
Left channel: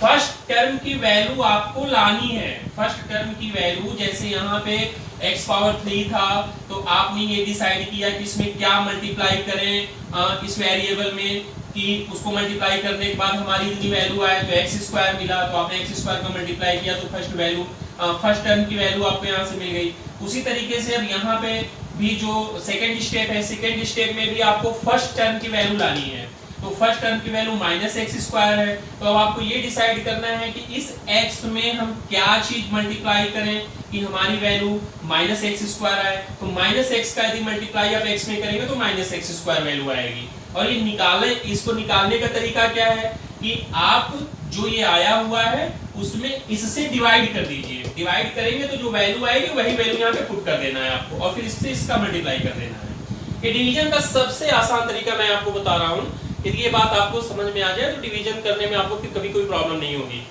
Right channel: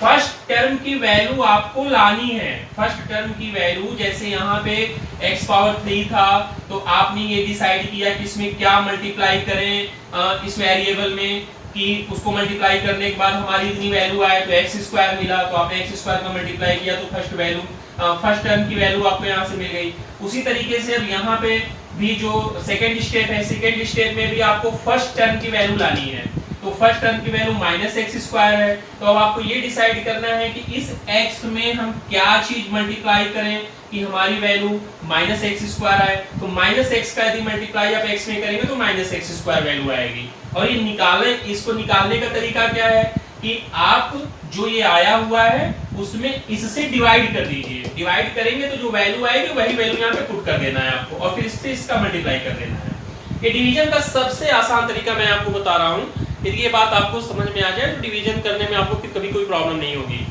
फर्स्ट टर्म की वैल्यू आपको लानी है, फर्स्ट टर्म की वैल्यू, जैसे यहाँ पे x⁴ था तो आपने ये डिसाइड किया कि इसमें क्या मल्टीप्लाई करें इस वेरिएबल में, कि उसको मल्टीप्लाई करने के बाद हमारी इतनी वैल्यू आए तो x² मिला, तो आपने x² का मल्टीप्लाई किया तो फर्स्ट टर्म की वैल्यू आपको यहाँ से मिल गई। उसी तरीके से अब यहाँ पे भी जो सेकेंड स्टेप है, सेकेंड स्टेप में भी आपको फर्स्ट टर्म की वैल्यू लानी है। तो फर्स्ट टर्म की वैल्यू माइनस x² है, तो अब आपको ये डिसाइड करना है कि इस x में हम क्या चीज मल्टीप्लाई करें कि हमारी वैल्यू माइनस x² आए। तो माइनस x का यदि मल्टीप्लाई आप x में करेंगे तो माइनस x² वैल्यू आएगी। और ये इसको निकालने का तरीका क्या है कि आप जो ये आया हुआ है उसमें इससे डिवाइड कर दीजिए, डिवाइड करेंगे तो जो वैल्यू आएगी वही वैल्यू यहाँ पे पुट कर देना है आपको और फिर इससे इसका मल्टीप्लाई कर देना है। ये डिवीजन का सबसे आसान तरीका मैं आपको बता रहा हूँ, यदि ये बात आपको समझ में आ जाए तो डिवीजन करने में आपको फिर कभी कोई प्रॉब्लम नहीं होगी।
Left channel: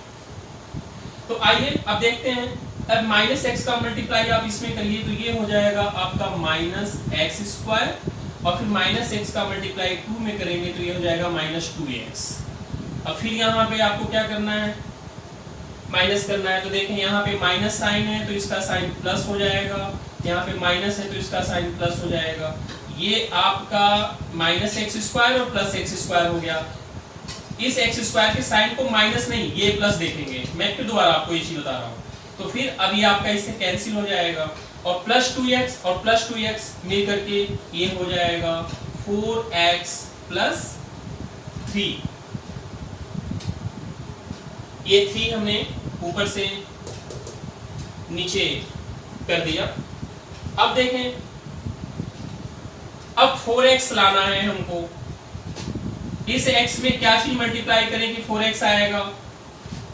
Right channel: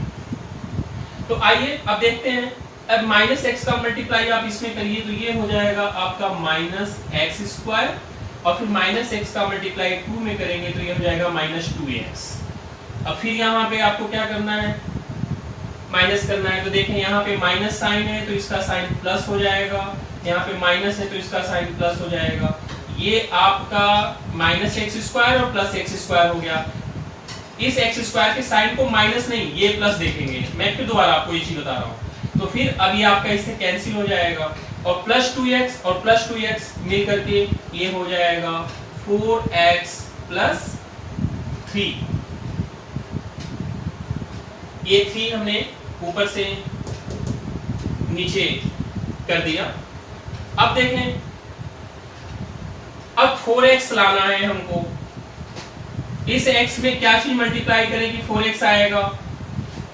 तो आइए अब देखते हैं, अब माइनस x का मल्टीप्लाई आप इसमें करिए तो ये हो जाएगा आपका माइनस x² और फिर माइनस x का मल्टीप्लाई 2 में करेंगे तो ये हो जाएगा माइनस 2x। अब फिर यहाँ पे आपको क्या करना है, माइनस करना है। तो देखें यहाँ पे माइनस साइन है तो इसका साइन प्लस हो जाएगा, यहाँ पे माइनस है तो इसका साइन प्लस हो जाएगा। ये आपका माइनस x² और प्लस x² हो गया। इस x² के साइन को माइनस नहीं ये प्लस देखेंगे, मैं फिर दोबारा आपको ये चीज बता रहा हूँ। तो फिर अब ये आपका इससे कैंसिल हो जाएगा और प्लस 2x और प्लस 2x मिल करके ये हो जाएगा 4x प्लस 3। ये 3 हमने ऊपर से नीचे कर दिया। अब देखें, अब 4x लाना है हमको, इस x में क्या चीज मल्टीप्लाई करें कि 4x आएगा।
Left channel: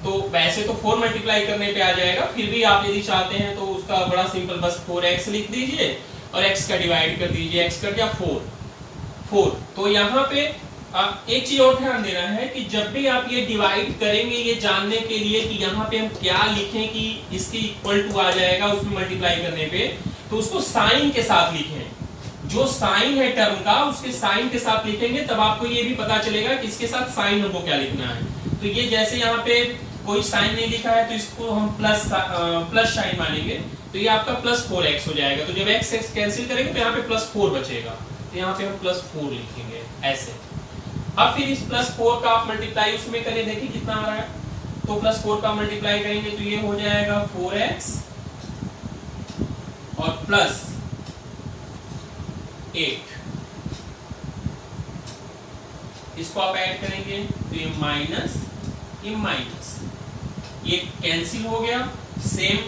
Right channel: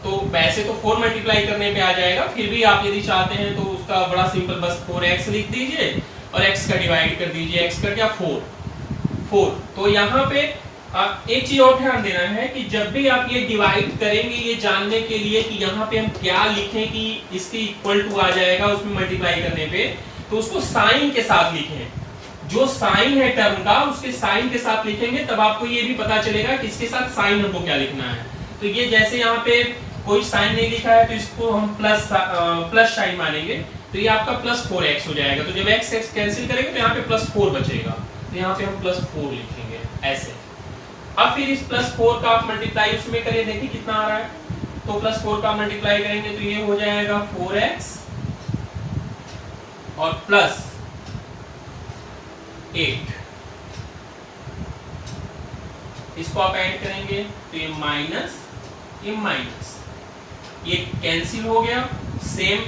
तो वैसे तो 4 मल्टीप्लाई करने पे आ जाएगा, फिर भी आप यदि चाहते हैं तो उसका बड़ा सिंपल बस 4x लिख दीजिए और x का डिवाइड कर दीजिए, x कर क्या 4। तो यहाँ पे एक चीज और ध्यान देना है कि जब भी आप ये डिवाइड करेंगे ये जानने के लिए कि यहाँ पे हम क्या लिखें कि इसके इक्वल टू आ जाएगा उसमें मल्टीप्लाई करने पे, तो उसको साइन के साथ लिखें। जो साइन है टर्म का उसके साइन के साथ लिखेंगे तब आपको ये भी पता चलेगा कि इसके साथ साइन हमको क्या लिखना है। तो ये जैसे यहाँ पे कोई साइन नहीं लिखा है तो इसको हम प्लस साइन मानेंगे, तो ये आपका प्लस 4x हो जाएगा। तो जब x कैंसिल करेंगे तो यहाँ पे प्लस 4 बचेगा, तो यहाँ पे हम प्लस 4 लिखेंगे ऐसे। अब फिर इस प्लस 4 का आप मल्टीप्लाई उसमें करें, देखिए कितना आ रहा है। तो प्लस 4 का मल्टीप्लाई करेंगे तो ये हो जाएगा 4x और प्लस 8। इसको आप ऐड करेंगे तो ये माइनस, ये माइनस, ये कैंसिल हो गया, सेम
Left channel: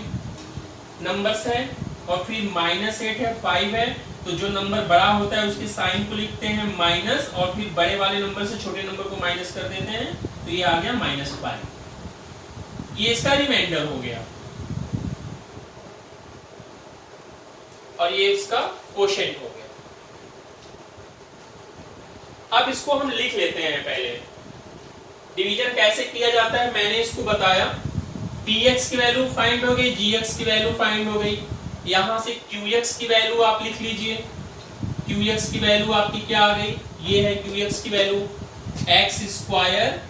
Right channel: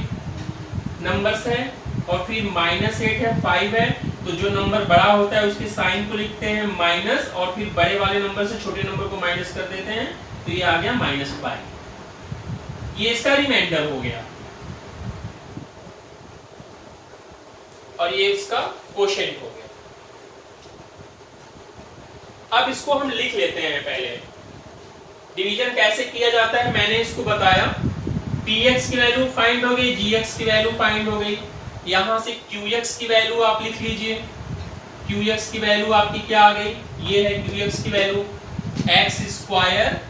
नंबर्स है और फिर -8 है, 5 है, तो जो नंबर बड़ा होता है उसके साइन को लिखते हैं माइनस, और फिर बड़े वाले नंबर से छोटे नंबर को माइनस कर देते हैं, तो ये आ गया -5। ये इसका रिमाइंडर हो गया, और ये इसका कोशेंट हो गया। अब इसको हम लिख लेते हैं। पहले डिवीजन कैसे किया जाता है मैंने इसको बताया। px की वैल्यू फाइंड हो गई, gx की वैल्यू फाइंड हो गई। यहां से qx की वैल्यू आप लिख लीजिए। qx की वैल्यू आपकी क्या आ गई, ये है qx की value, x square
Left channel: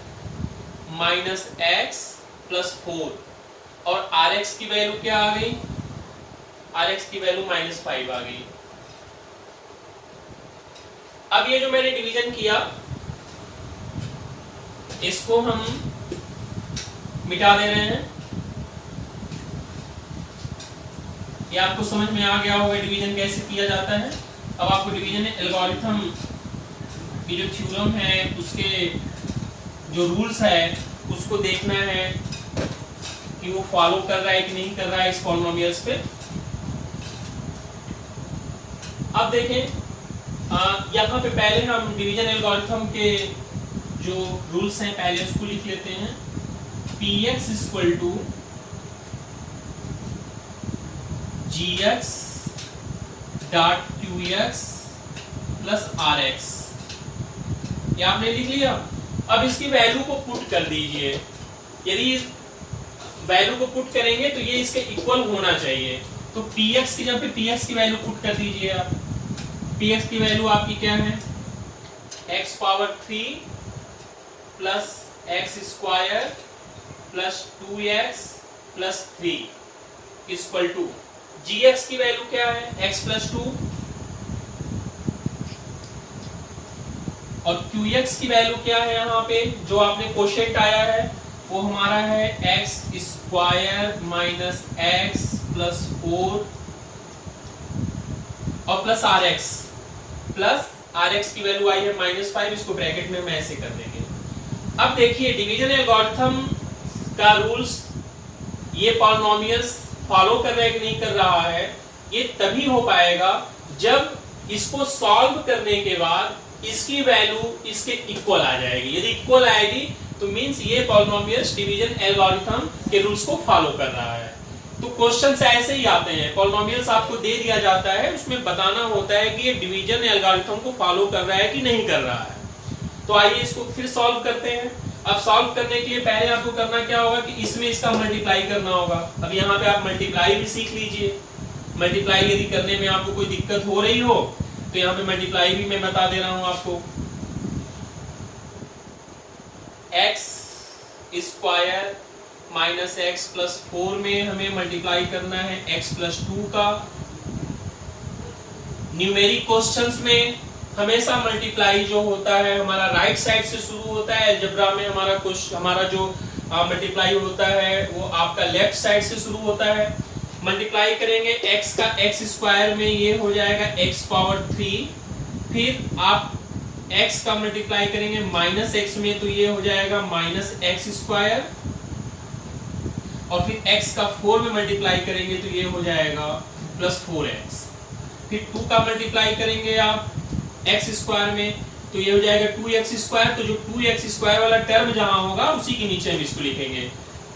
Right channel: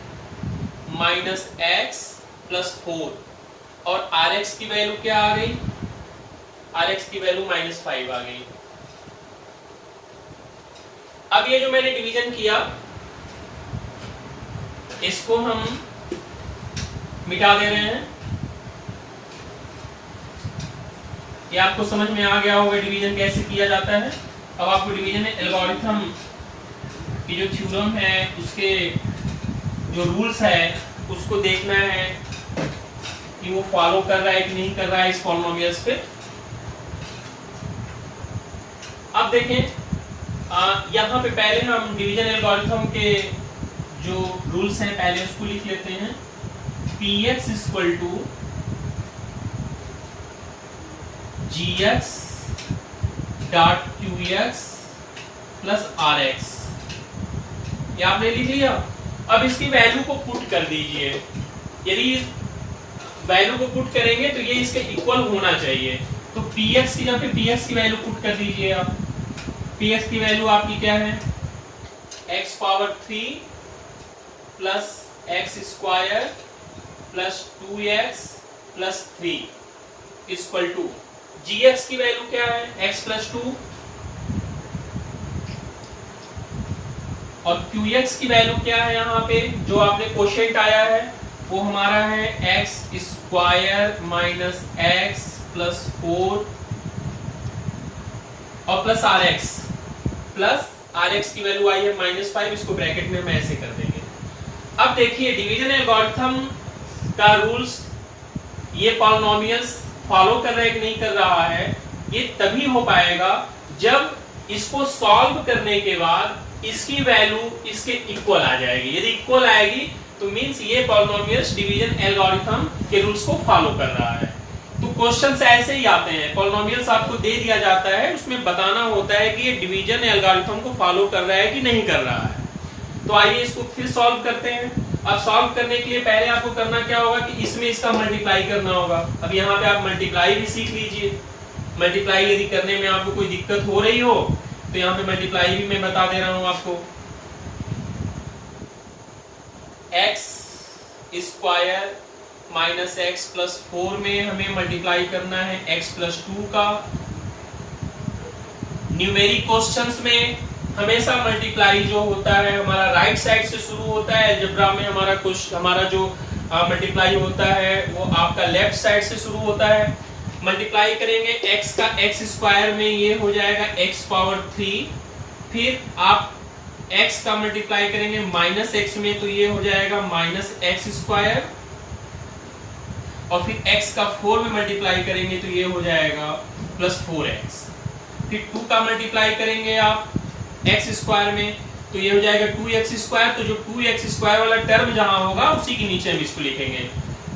minus x plus 4, और rx की वैल्यू क्या आ गई, rx की वैल्यू -5 आ गई। अब ये जो मैंने डिवीजन किया इसको हम मिटा दे रहे हैं। ये आपको समझ में आ गया होगा डिवीजन कैसे किया जाता है। अब आपको डिवीजन एल्गोरिथम की जो थ्योरम है उसके जो रूल्स है उसको देखना है कि वो फॉलो कर रहा है कि नहीं कर रहा है इस पॉलिनोमियल्स पे। अब देखें यहाँ पे पहले हम डिवीजन एल्गोरिथम के जो रूल्स हैं पहले उसको लिख लेते हैं। px equal to gx dot qx plus rx, ये आपने लिख लिया। अब इसकी वैल्यू को पुट कर दीजिए। यदि वैल्यू को पुट करेंगे तो ये इसके इक्वल होना चाहिए। तो px की जगह पे px की वैल्यू पुट कर दीजिए आप। px की वैल्यू आपकी क्या है, x power 3 plus x square plus 2x plus 3 equal to gx की वैल्यू क्या है, x प्लस 2, और qx की वैल्यू क्या है, यहाँ पे जो आपने कोशेंट आया है वो हमारा है x square minus x plus 4 और प्लस rx की वैल्यू आई है -5। इसको ब्रैकेट में हम ऐसे कर देंगे। अब देखिए डिवीजन एल्गोरिथम का रूल्स ये पॉलिनोमियल्स फॉलो कर रहा है कि नहीं कर रहा है, ये तभी हो पाएगा जब इसको सॉल्व करने के बाद इसकी वैल्यू इसके इक्वल आ जाएगी। यदि इक्वल आएगी तो मींस ये पॉलिनोमियल्स डिवीजन एल्गोरिथम के रूल्स को फॉलो कर रहा है। तो क्वेश्चंस ऐसे ही आते हैं, पॉलिनोमियल्स आपको दे दिया जाता है, उसमें बताना होता है कि ये डिवीजन एल्गोरिथम को फॉलो कर रहा है कि नहीं कर रहा है। तो आइए इसको फिर सॉल्व करते हैं। अब सॉल्व करने के लिए पहले आपको करना क्या होगा कि इसमें इसका मल्टीप्लाई करना होगा। अब यहाँ पे आप मल्टीप्लाई भी सीख लीजिए। मल्टीप्लाई यदि करने में आपको कोई दिक्कत हो रही हो तो यहाँ पे मल्टीप्लाई भी मैं बता दे रहा हूं आपको। x square minus x plus 4 में हमें मल्टीप्लाई करना है x प्लस 2 का। न्यूमेरिक क्वेश्चंस में हमेशा मल्टीप्लाई जो होता है हमारा राइट साइड से शुरू होता है। अलजेब्रा में हमारा जो मल्टीप्लाई होता है वो आपका लेफ्ट साइड से शुरू होता है। मल्टीप्लाई करेंगे x का x स्क्वायर में, ये हो जाएगा x पावर 3। फिर आप x का मल्टीप्लाई करेंगे माइनस x में, तो ये हो जाएगा माइनस एक्स स्क्वायर। और फिर x का 4 में मल्टीप्लाई करेंगे तो ये हो जाएगा प्लस 4x। फिर 2 का मल्टीप्लाई करेंगे आप x स्क्वायर में, तो ये हो जाएगा 2x स्क्वायर। तो जो 2x स्क्वायर वाला टर्म जहां होगा उसी के नीचे हम इसको लिखेंगे।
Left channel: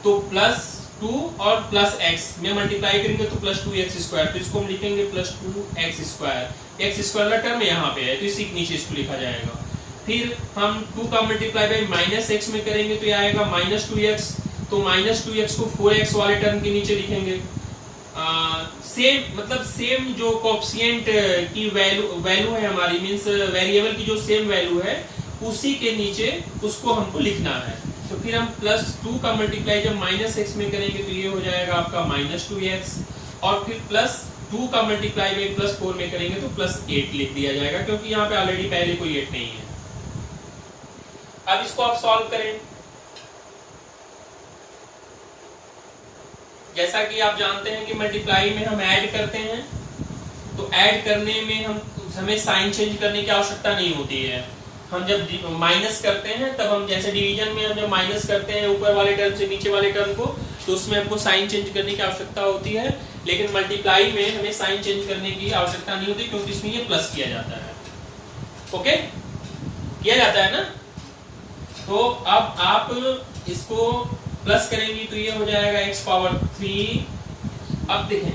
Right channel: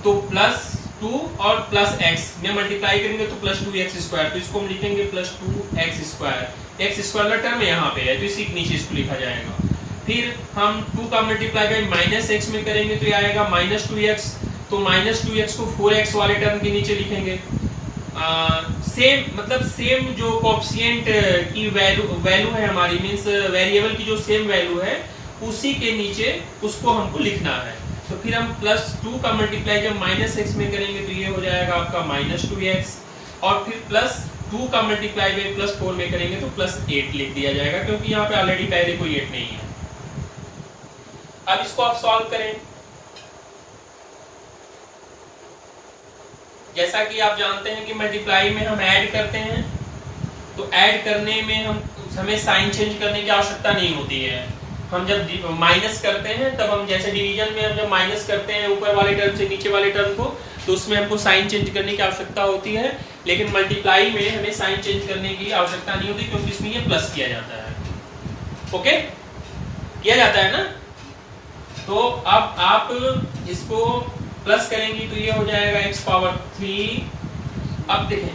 तो प्लस 2 और प्लस x में मल्टीप्लाई करेंगे तो प्लस 2x स्क्वायर, तो इसको हम लिखेंगे plus 2x square. x square का टर्म यहाँ पे है तो इसी के नीचे इसको लिखा जाएगा। फिर हम 2 का मल्टीप्लाई बाय माइनस x में करेंगे तो ये आएगा माइनस 2x। तो माइनस 2x को 4x वाले टर्म के नीचे लिखेंगे। सेम जो कोएफिशिएंट की वैल्यू है हमारी, मींस वेरिएबल की जो सेम वैल्यू है उसी के नीचे उसको हमको लिखना है। तो फिर हम प्लस 2 का मल्टीप्लाई जब माइनस एक्स में करेंगे तो ये हो जाएगा आपका माइनस 2x। और फिर प्लस 2 का मल्टीप्लाई में प्लस 4 में करेंगे तो प्लस 8 लिख दिया जाएगा, क्योंकि यहाँ पे ऑलरेडी पहले कोई 8 नहीं है। अब इसको आप सॉल्व करें। जैसा कि आप जानते हैं कि मल्टीप्लाई में हम ऐड करते हैं, तो ऐड करने में हमें साइन चेंज करने की आवश्यकता नहीं होती है। हम जब माइनस करते हैं तब हम, जैसे डिवीजन में हम जब माइनस करते हैं ऊपर वाले टर्म से नीचे वाले टर्म को, तो उसमें हमको साइन चेंज करने की आवश्यकता होती है, लेकिन मल्टीप्लाई में हमें साइन चेंज करने की आवश्यकता नहीं होती क्योंकि इसमें ये प्लस किया जाता है। ओके, किया जाता है ना। तो अब आप इसको प्लस करेंगे तो ये हो जाएगा x पावर 3। अब देखें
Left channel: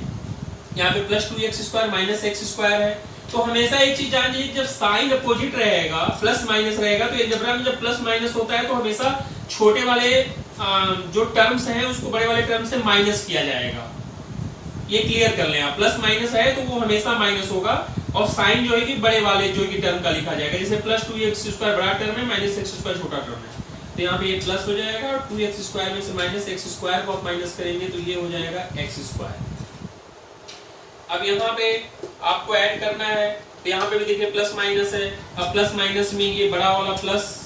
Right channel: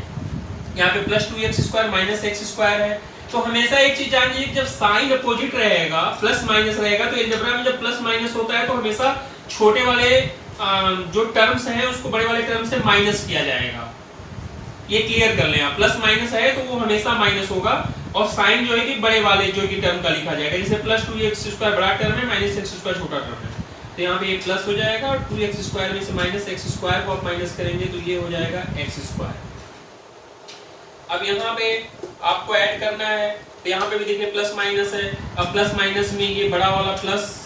यहाँ पे plus 2x square minus x square है, तो हमेशा एक चीज जान लीजिए, जब साइन अपोजिट रहेगा, प्लस माइनस रहेगा, तो अलजेब्रा में जब प्लस माइनस होता है तो हमेशा छोटे वाले जो टर्म्स हैं उसको बड़े वाले टर्म से माइनस किया जाएगा। ये क्लियर कर लें आप, प्लस माइनस है तो वो हमेशा माइनस होगा, और साइन जो है कि बड़े वाले जो कि टर्म का लिखा जाएगा। जैसे प्लस 2x स्क्वायर बड़ा टर्म है, माइनस एक्स स्क्वायर छोटा टर्म है, तो यहाँ पे ये प्लस हो जाएगा, और 2x स्क्वायर में से माइनस एक्स स्क्वायर को आप माइनस करेंगे तो ये हो जाएगा एक्स स्क्वायर। अब यहाँ पे आपको ऐड करना है, तो यहाँ पे भी देखिए प्लस माइनस है। अब प्लस माइनस में ये बड़ा वाला प्लस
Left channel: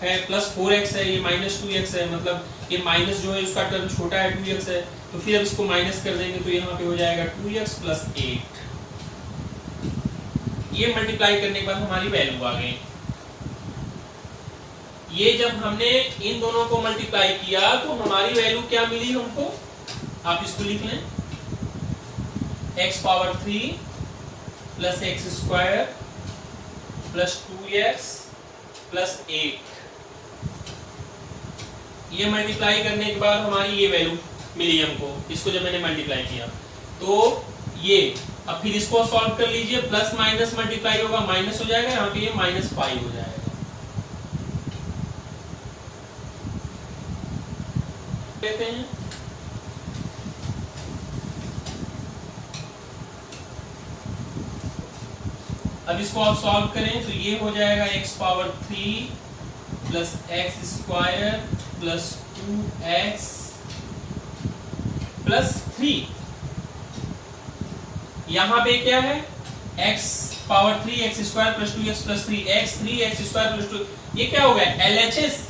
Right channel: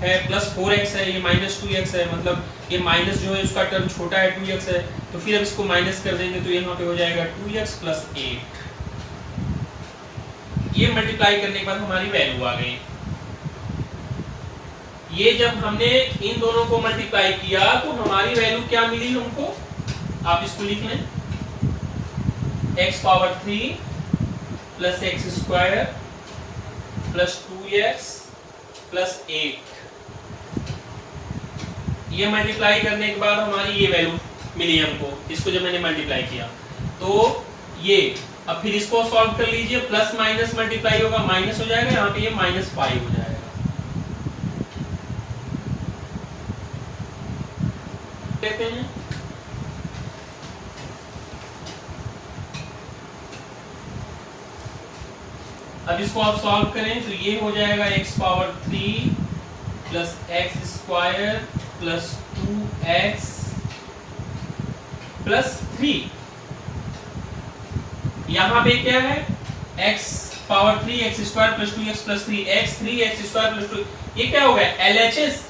है, प्लस 4x है, ये माइनस 2x है, मतलब ये माइनस जो है उसका टर्म छोटा है, 2x है, तो फिर अब इसको माइनस कर देंगे तो यहाँ पे हो जाएगा 2x प्लस 8। ये मल्टीप्लाई करने के बाद हमारी वैल्यू आ गई। ये जब हमने इन दोनों को मल्टीप्लाई किया तो हमारी वैल्यू क्या मिली हमको, आप इसको लिख लें, x power 3 plus x square plus 2x plus 8। ये मल्टीप्लाई करने के बाद हमारी ये वैल्यू मिली हमको, इसको जब मैंने मल्टीप्लाई किया तो ये, अब फिर इसको सॉल्व कर लीजिए, प्लस माइनस मल्टीप्लाई होगा माइनस हो जाएगा, यहाँ पे ये -5 हो जाएगा। लेते हैं अब इसको आप सॉल्व करें तो ये हो जाएगा x power 3 plus x square plus 2x plus 3। यहां पे क्या है, x power 3 x square plus 2x plus 3 x 3 x square plus 2, ये क्या हो गया, LHS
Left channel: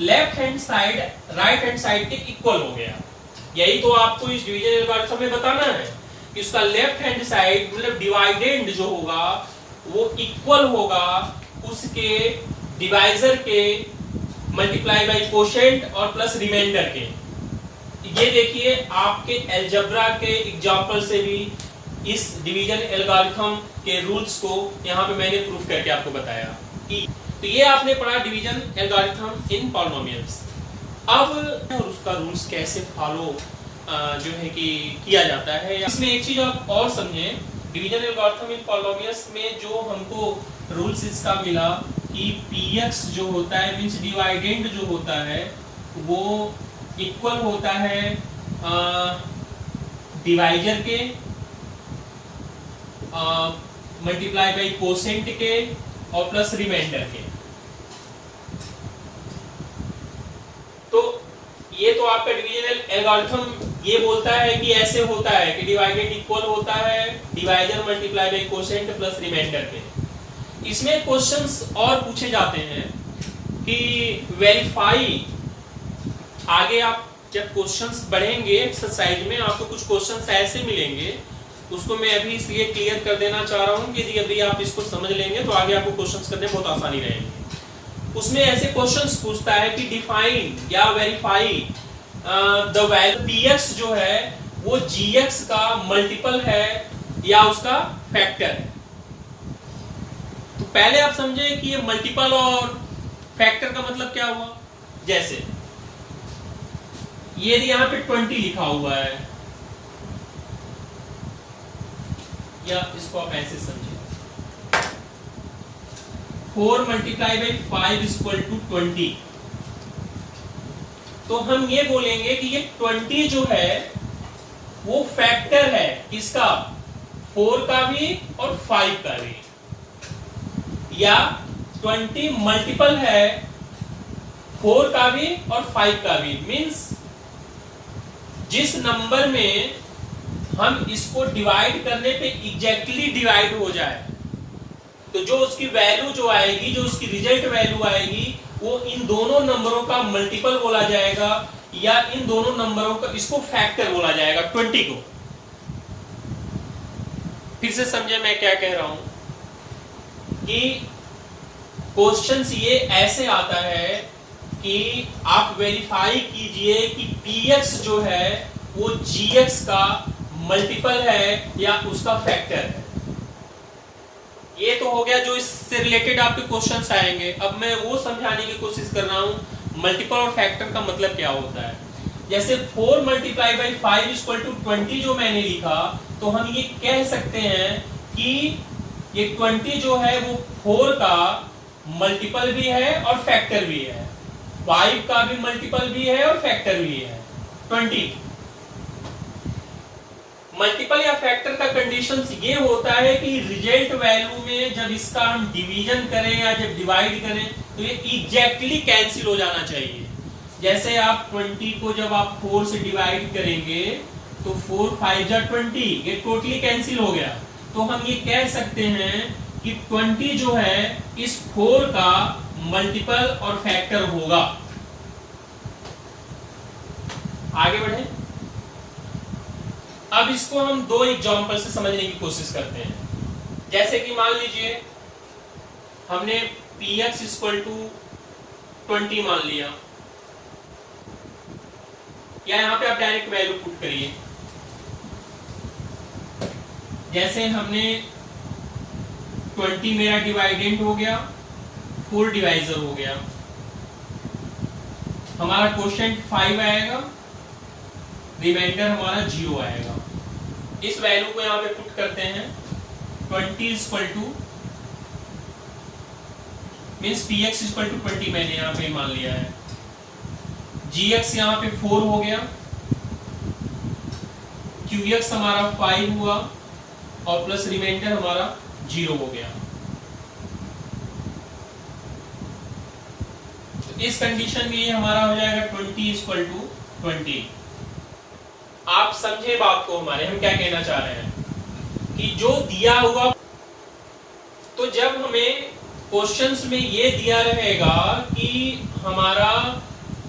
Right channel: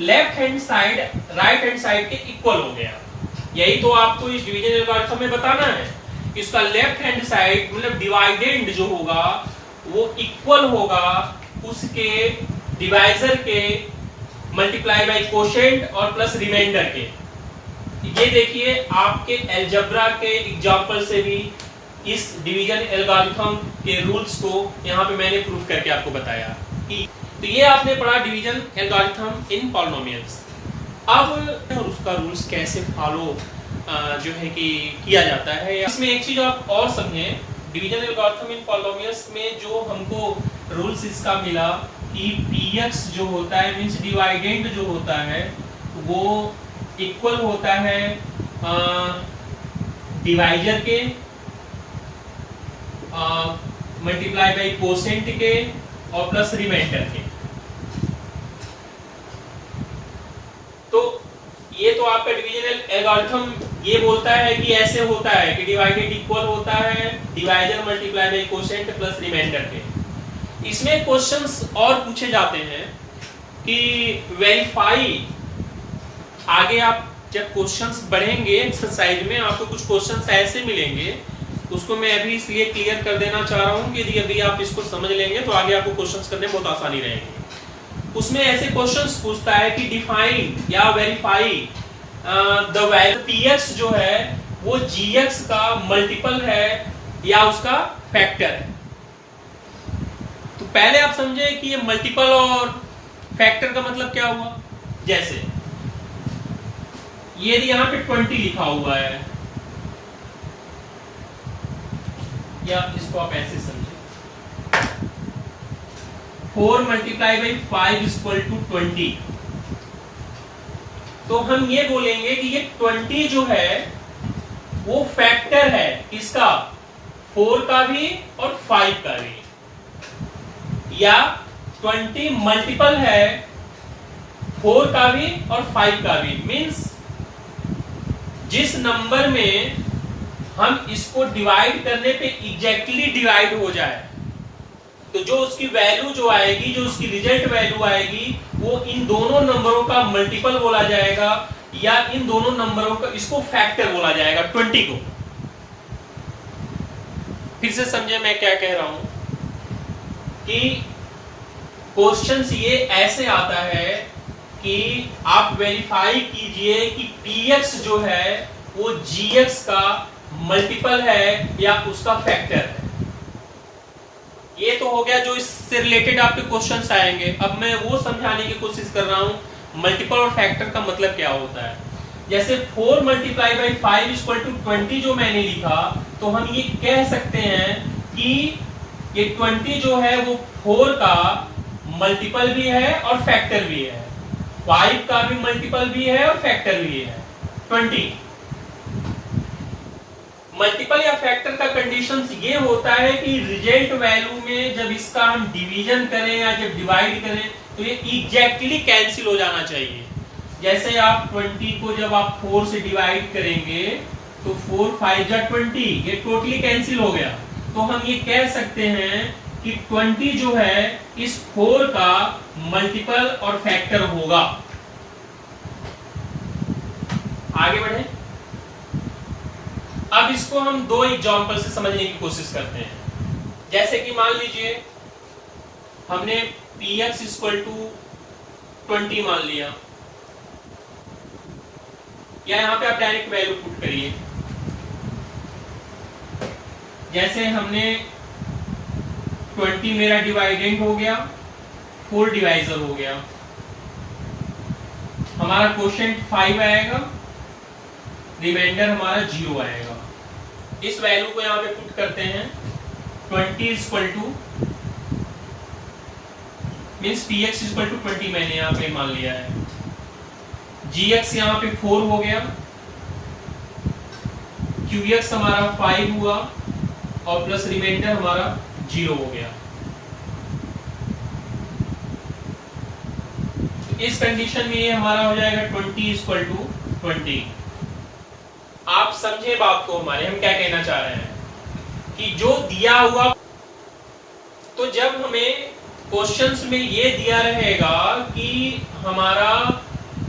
left hand side right hand side के इक्वल हो गया। यही तो आपको इस डिवीजन एल्गोरिथम में बताना है, इसका लेफ्ट हैंड साइड मतलब डिवाइडेंड जो होगा वो इक्वल होगा उसके डिवाइजर के मल्टीप्लाई बाय कोशेंट और प्लस रिमाइंडर के। ये देखिए आपके अलजेब्रा के एग्जांपल से भी इस डिवीजन एल्गोरिथम के रूल्स को यहाँ पे मैंने प्रूफ करके आपको बताया। तो ये आपने पढ़ा डिवीजन एल्गोरिथम इन पॉलिनोमियल्स। अब उसका रूल्स कैसे फॉलो जो है कि किया जाता है, इसमें एक चीज आप और समझें, डिवीजन एल्गोरिथम इन पॉलिनोमियल्स में जो हमको रूल्स इसका मिला कि px जो होता है मींस डिवाइडेंड जो होता है वो इक्वल होता है डिवाइजर के मल्टीप्लाई बाय कोसेंट के और प्लस रिमाइंडर के। तो ये तो आपका डिवीजन एल्गोरिथम ये बोलता है कि ऐसे होता है कि डिवाइडेड इक्वल होता है divisor multiply by quotient plus remainder के। इसमें क्वेश्चंस और पूछे जाते हैं कि वेरीफाई, आगे आप जब क्वेश्चंस बढ़ेंगे एक्सरसाइज में आपको कुछ क्वेश्चंस ऐसे मिलेंगे, उसको मैं अभी इसलिए क्लियर कर देना चाह रहा हूं कि यदि आप इसको समझ लेंगे तो आगे आपको क्वेश्चंस करने में बहुत आसानी रहेगी। उसमें ऐसे क्वेश्चंस पूछता है कि डिफाइन या वेरीफाई द वैल्यू px जो है वो gx का मल्टीपल है या उसका फैक्टर है। तो पहले आप समझे कि ये मल्टीपल और फैक्टर का मतलब क्या हुआ। जैसे ये यहां पे 20 लिखा हुआ है, या इसको आप ऐसे समझे 4 मल्टीप्लाई बाई 5 इक्वल टू 20। तो हम ये बोलेंगे कि ये 20 जो है वो फैक्टर है किसका, 4 का भी और 5 का भी, या 20 मल्टीपल है 4 का भी और 5 का भी। मींस जिस नंबर में हम इसको डिवाइड करने पे एग्जैक्टली डिवाइड हो जाए तो जो उसकी वैल्यू जो आएगी, जो उसकी रिजल्ट वैल्यू आएगी, वो इन दोनों नंबरों का मल्टीपल बोला जाएगा या इन दोनों नंबरों का इसको फैक्टर बोला जाएगा 20 को। फिर से समझे मैं क्या कह रहा हूं कि क्वेश्चंस ये ऐसे आता है कि आप वेरीफाई कीजिए कि px जो है वो gx का मल्टीपल है या उसका फैक्टर है। ये तो हो गया जो इससे रिलेटेड आपके क्वेश्चंस आएंगे। अब मैं वो समझाने की कोशिश कर रहा हूं मल्टीपल और फैक्टर का मतलब क्या होता है। जैसे 4 मल्टीप्लाई बाई 5 इक्वल टू 20 जो मैंने लिखा, तो हम ये कह सकते हैं कि ये 20 जो है वो 4 का मल्टीपल भी है और फैक्टर भी है, 5 का भी मल्टीपल भी है और फैक्टर भी है 20। मल्टीपल या फैक्टर का कंडीशन ये होता है कि रिजल्ट वैल्यू में जब इसका हम डिवीजन करें या जब डिवाइड करें तो ये एग्जैक्टली कैंसिल हो जाना चाहिए। जैसे आप 20 को जब आप 4 से डिवाइड करेंगे तो 4 5 जा 20, ये टोटली कैंसिल हो गया। तो हम ये कह सकते हैं कि 20 जो है इस 4 का मल्टीपल और फैक्टर होगा। आगे बढ़े। अब इसको हम दो एग्जांपल से समझने की कोशिश करते हैं। जैसे कि मान लीजिए हमने px इक्वल टू 20 मान लिया, या यहां पे आप डायरेक्ट वैल्यू पुट करिए। जैसे हमने 20 मेरा डिवाइडेंड हो गया, 4 डिवाइजर हो गया, हमारा क्वोशिएंट 5 आएगा, रिमाइंडर हमारा 0 आएगा। इस वैल्यू को यहां पे पुट करते हैं। 20 equal to means px equal to 20 मैंने यहां पे मान लिया है, gx यहां पे 4 हो गया, qx हमारा 5 हुआ और प्लस रिमाइंडर हमारा 0 हो गया। तो इस कंडीशन में ये हमारा हो जाएगा 20 इक्वल टू 20। आप समझे बात को हमारे, हम क्या कहना चाह रहे हैं कि जो दिया हुआ, तो जब हमें क्वेश्चंस में ये दिया रहेगा कि हमारा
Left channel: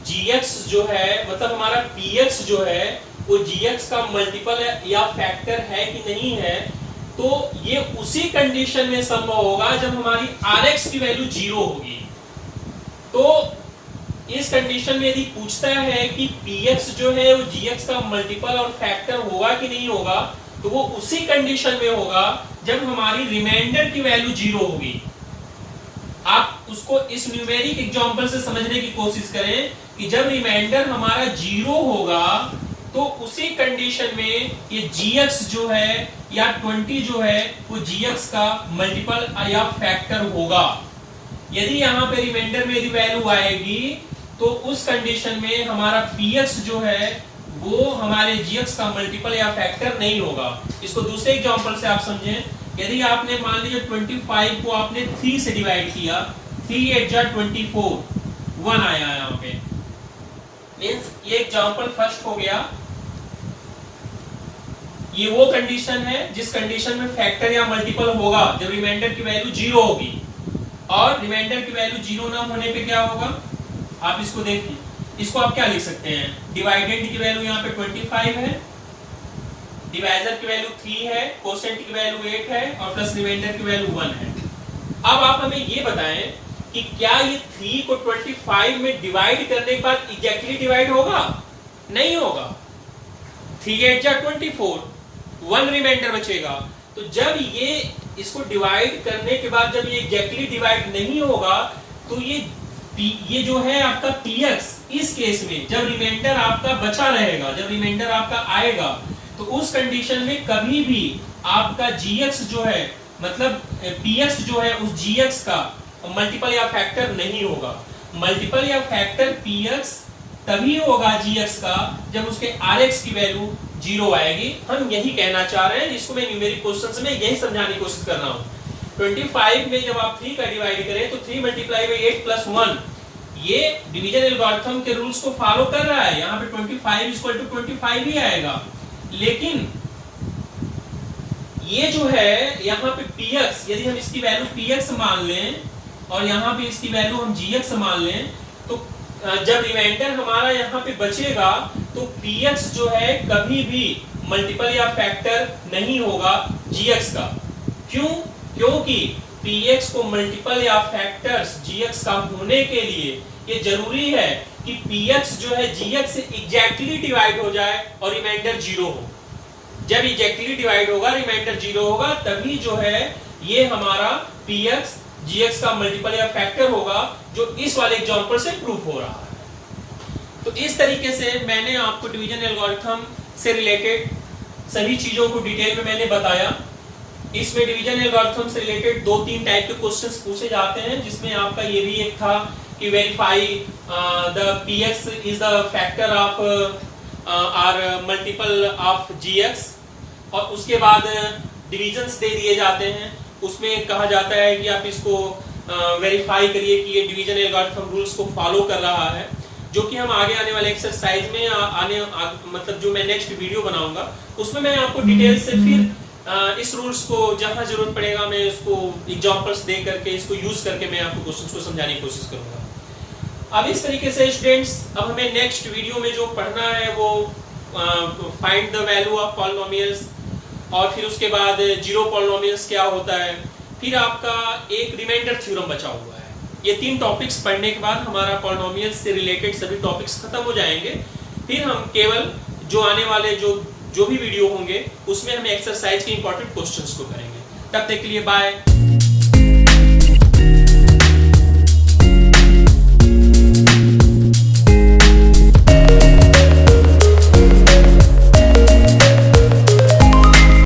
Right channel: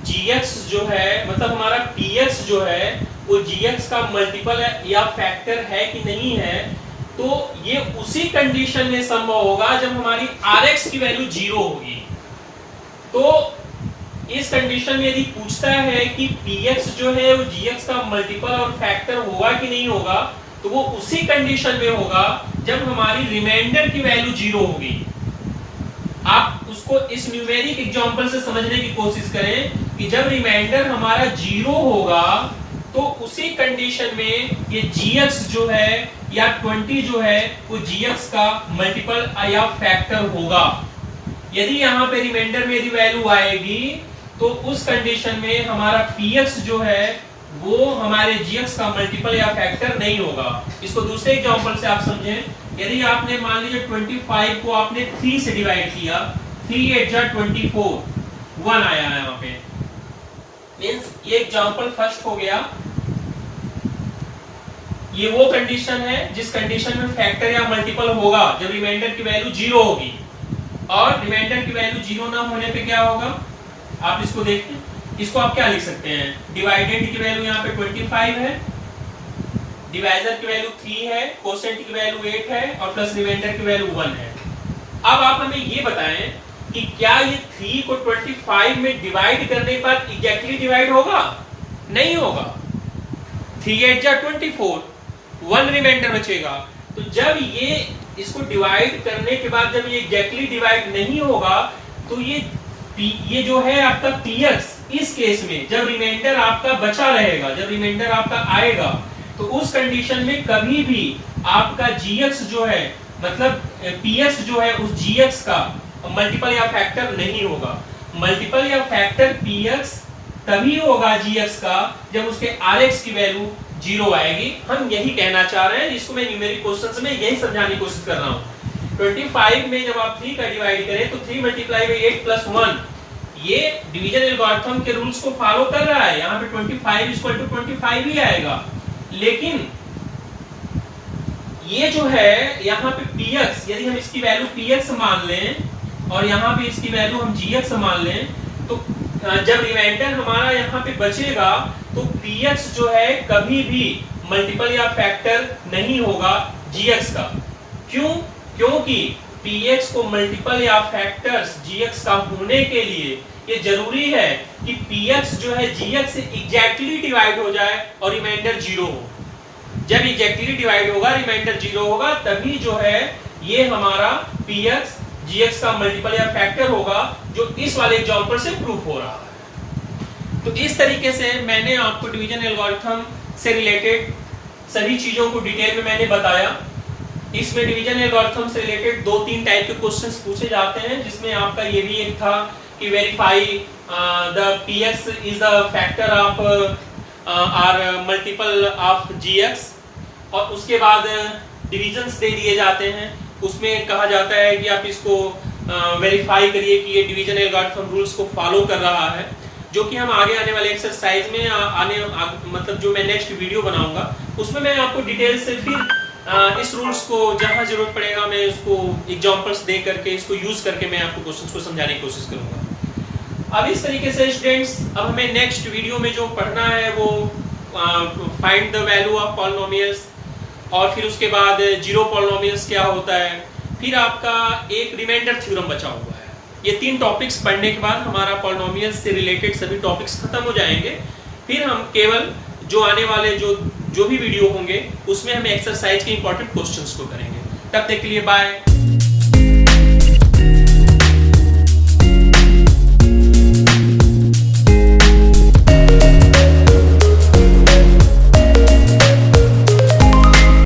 gx जो है, मतलब हमारा px जो है वो gx का मल्टीपल है या फैक्टर है कि नहीं है, तो ये उसी कंडीशन में संभव होगा जब हमारी rx की वैल्यू 0 होगी। तो इस कंडीशन में यदि पूछता है कि px जो है वो gx का मल्टीपल और फैक्टर होगा कि नहीं होगा, तो वो उसी कंडीशन में होगा जब हमारी रिमाइंडर की वैल्यू 0 होगी। आप उसको इस न्यूमेरिक एग्जांपल से समझने की कोशिश करें कि जब रिमाइंडर हमारा 0 होगा तो उसी कंडीशन में ये gx जो है या 20 जो है वो gx का मल्टीपल या फैक्टर होगा। यदि यहां पे रिमाइंडर में यदि वैल्यू आएगी तो उस कंडीशन में हमारा px जो है वो हमारे gx का मल्टीपल या फैक्टर नहीं होगा। इसको दूसरे एग्जांपल से आप समझें। यदि आपने मान लीजिए 25 को आपने 3 से डिवाइड किया, 3 8 जा 24, 1 आया यहाँ पे, मींस ये एग्जांपल फर्स्ट हो गया। ये वो कंडीशन है जिस कंडीशन में फैक्टर या मल्टीपल होगा जब रिमाइंडर की वैल्यू 0 होगी, और रिमाइंडर की वैल्यू 0 ना होने पे क्या होगा आप इसको देखिए। इसको आप क्या लिख सकते हैं, डिवाइडेंड की वैल्यू यहाँ पे 25 है, डिवाइजर की वैल्यू 3 है, क्वोशिएंट की वैल्यू 8 है और प्लस रिमाइंडर की वैल्यू 1 है। अब आप हमें ये बताएं कि क्या ये 3 को 25 में डिवाइड करने के बाद एग्जैक्टली डिवाइड होगा? नहीं होगा। 3 8 जा 24, 1 रिमाइंडर बचेगा। तो जब ये इसको डिवाइड करने के बाद जब ये एग्जैक्टली डिवाइड नहीं होगा तो ये जो है आपका px, इस केस में जब रिमाइंडर आपका बचा रहेगा, जब रिमाइंडर आपका आएगा, तो उस कंडीशन में कभी भी आपका gx जो है, मतलब px जो है उस gx का मल्टीपल या फैक्टर नहीं होगा। मल्टीपल या फैक्टर px तभी होगा gx का जब उसके rx की वैल्यू 0 आएगी। हम यही कहना चाह रहे हैं, इसको मैं न्यूमेरिक क्वेश्चंस में यही समझाने की कोशिश कर रहा हूं। 25 में जब आप 3 का डिवाइड करें तो 3 मल्टीप्लाई बाई 8 प्लस 1, ये डिवीजन एल्गोरिथम के रूल्स को फॉलो कर रहा है। यहाँ पे 25 इक्वल टू 25 ही आएगा। लेकिन ये जो है यहाँ पे px, यदि हम इसकी वैल्यू px मान लें और यहाँ पे इसकी वैल्यू हम gx मान लें, तो जब रिमाइंडर हमारा यहाँ पे बचेगा तो px जो है कभी भी मल्टीपल या फैक्टर नहीं होगा gx का। क्यों? क्योंकि px को मल्टीपल या फैक्टर्स gx का होने के लिए ये जरूरी है कि px जो है gx से एग्जैक्टली डिवाइड हो जाए और रिमाइंडर 0 हो। जब एग्जैक्टली डिवाइड होगा, रिमाइंडर 0 होगा, तभी जो है ये हमारा px gx का मल्टीपल या फैक्टर होगा, जो इस वाले एग्जांपल से प्रूफ हो रहा है। तो इस तरीके से मैंने आपको डिवीजन एल्गोरिथम से रिलेटेड सभी चीजों को डिटेल में मैंने बताया। इसमें डिवीजन एल्गोरिथम से रिलेटेड 2-3 टाइप के क्वेश्चंस पूछे जाते हैं, जिसमें आपका ये भी एक था कि verify the px is the factor of or multiple of gx, और उसके बाद डिविजन्स दे दिए जाते हैं। उसमें कहा जाता है कि आप इसको वेरीफाई करिए कि ये डिवीजन एल्गोरिथम रूल्स को फॉलो कर रहा है, जो कि हम आगे आने वाले एक्सरसाइज में मतलब जो मैं नेक्स्ट वीडियो बनाऊंगा उसमें मैं आपको डिटेल से फिर इस रूल्स को जहां जरूरत पड़ेगा मैं इसको एग्जांपल्स दे करके इसको यूज करके मैं आपको क्वेश्चंस को समझाने की कोशिश करूंगा। अब इस तरीके से स्टूडेंट्स, अब हमें नेक्स्ट वीडियो में जो पढ़ना है वो find the value of polynomials, और फिर उसके बाद जीरो पॉलिनोमियल्स क्या होता है, फिर आपका एक रिमाइंडर थ्योरम बचा हुआ है। ये 3 टॉपिक्स पढ़ने के बाद हमारा पॉलिनोमियल्स से रिलेटेड सभी टॉपिक्स खत्म हो जाएंगे। फिर हम केवल जो आने वाले जो भी वीडियो होंगे उसमें हम एक्सरसाइज के इंपॉर्टेंट क्वेश्चंस को करेंगे। तब तक के लिए बाय।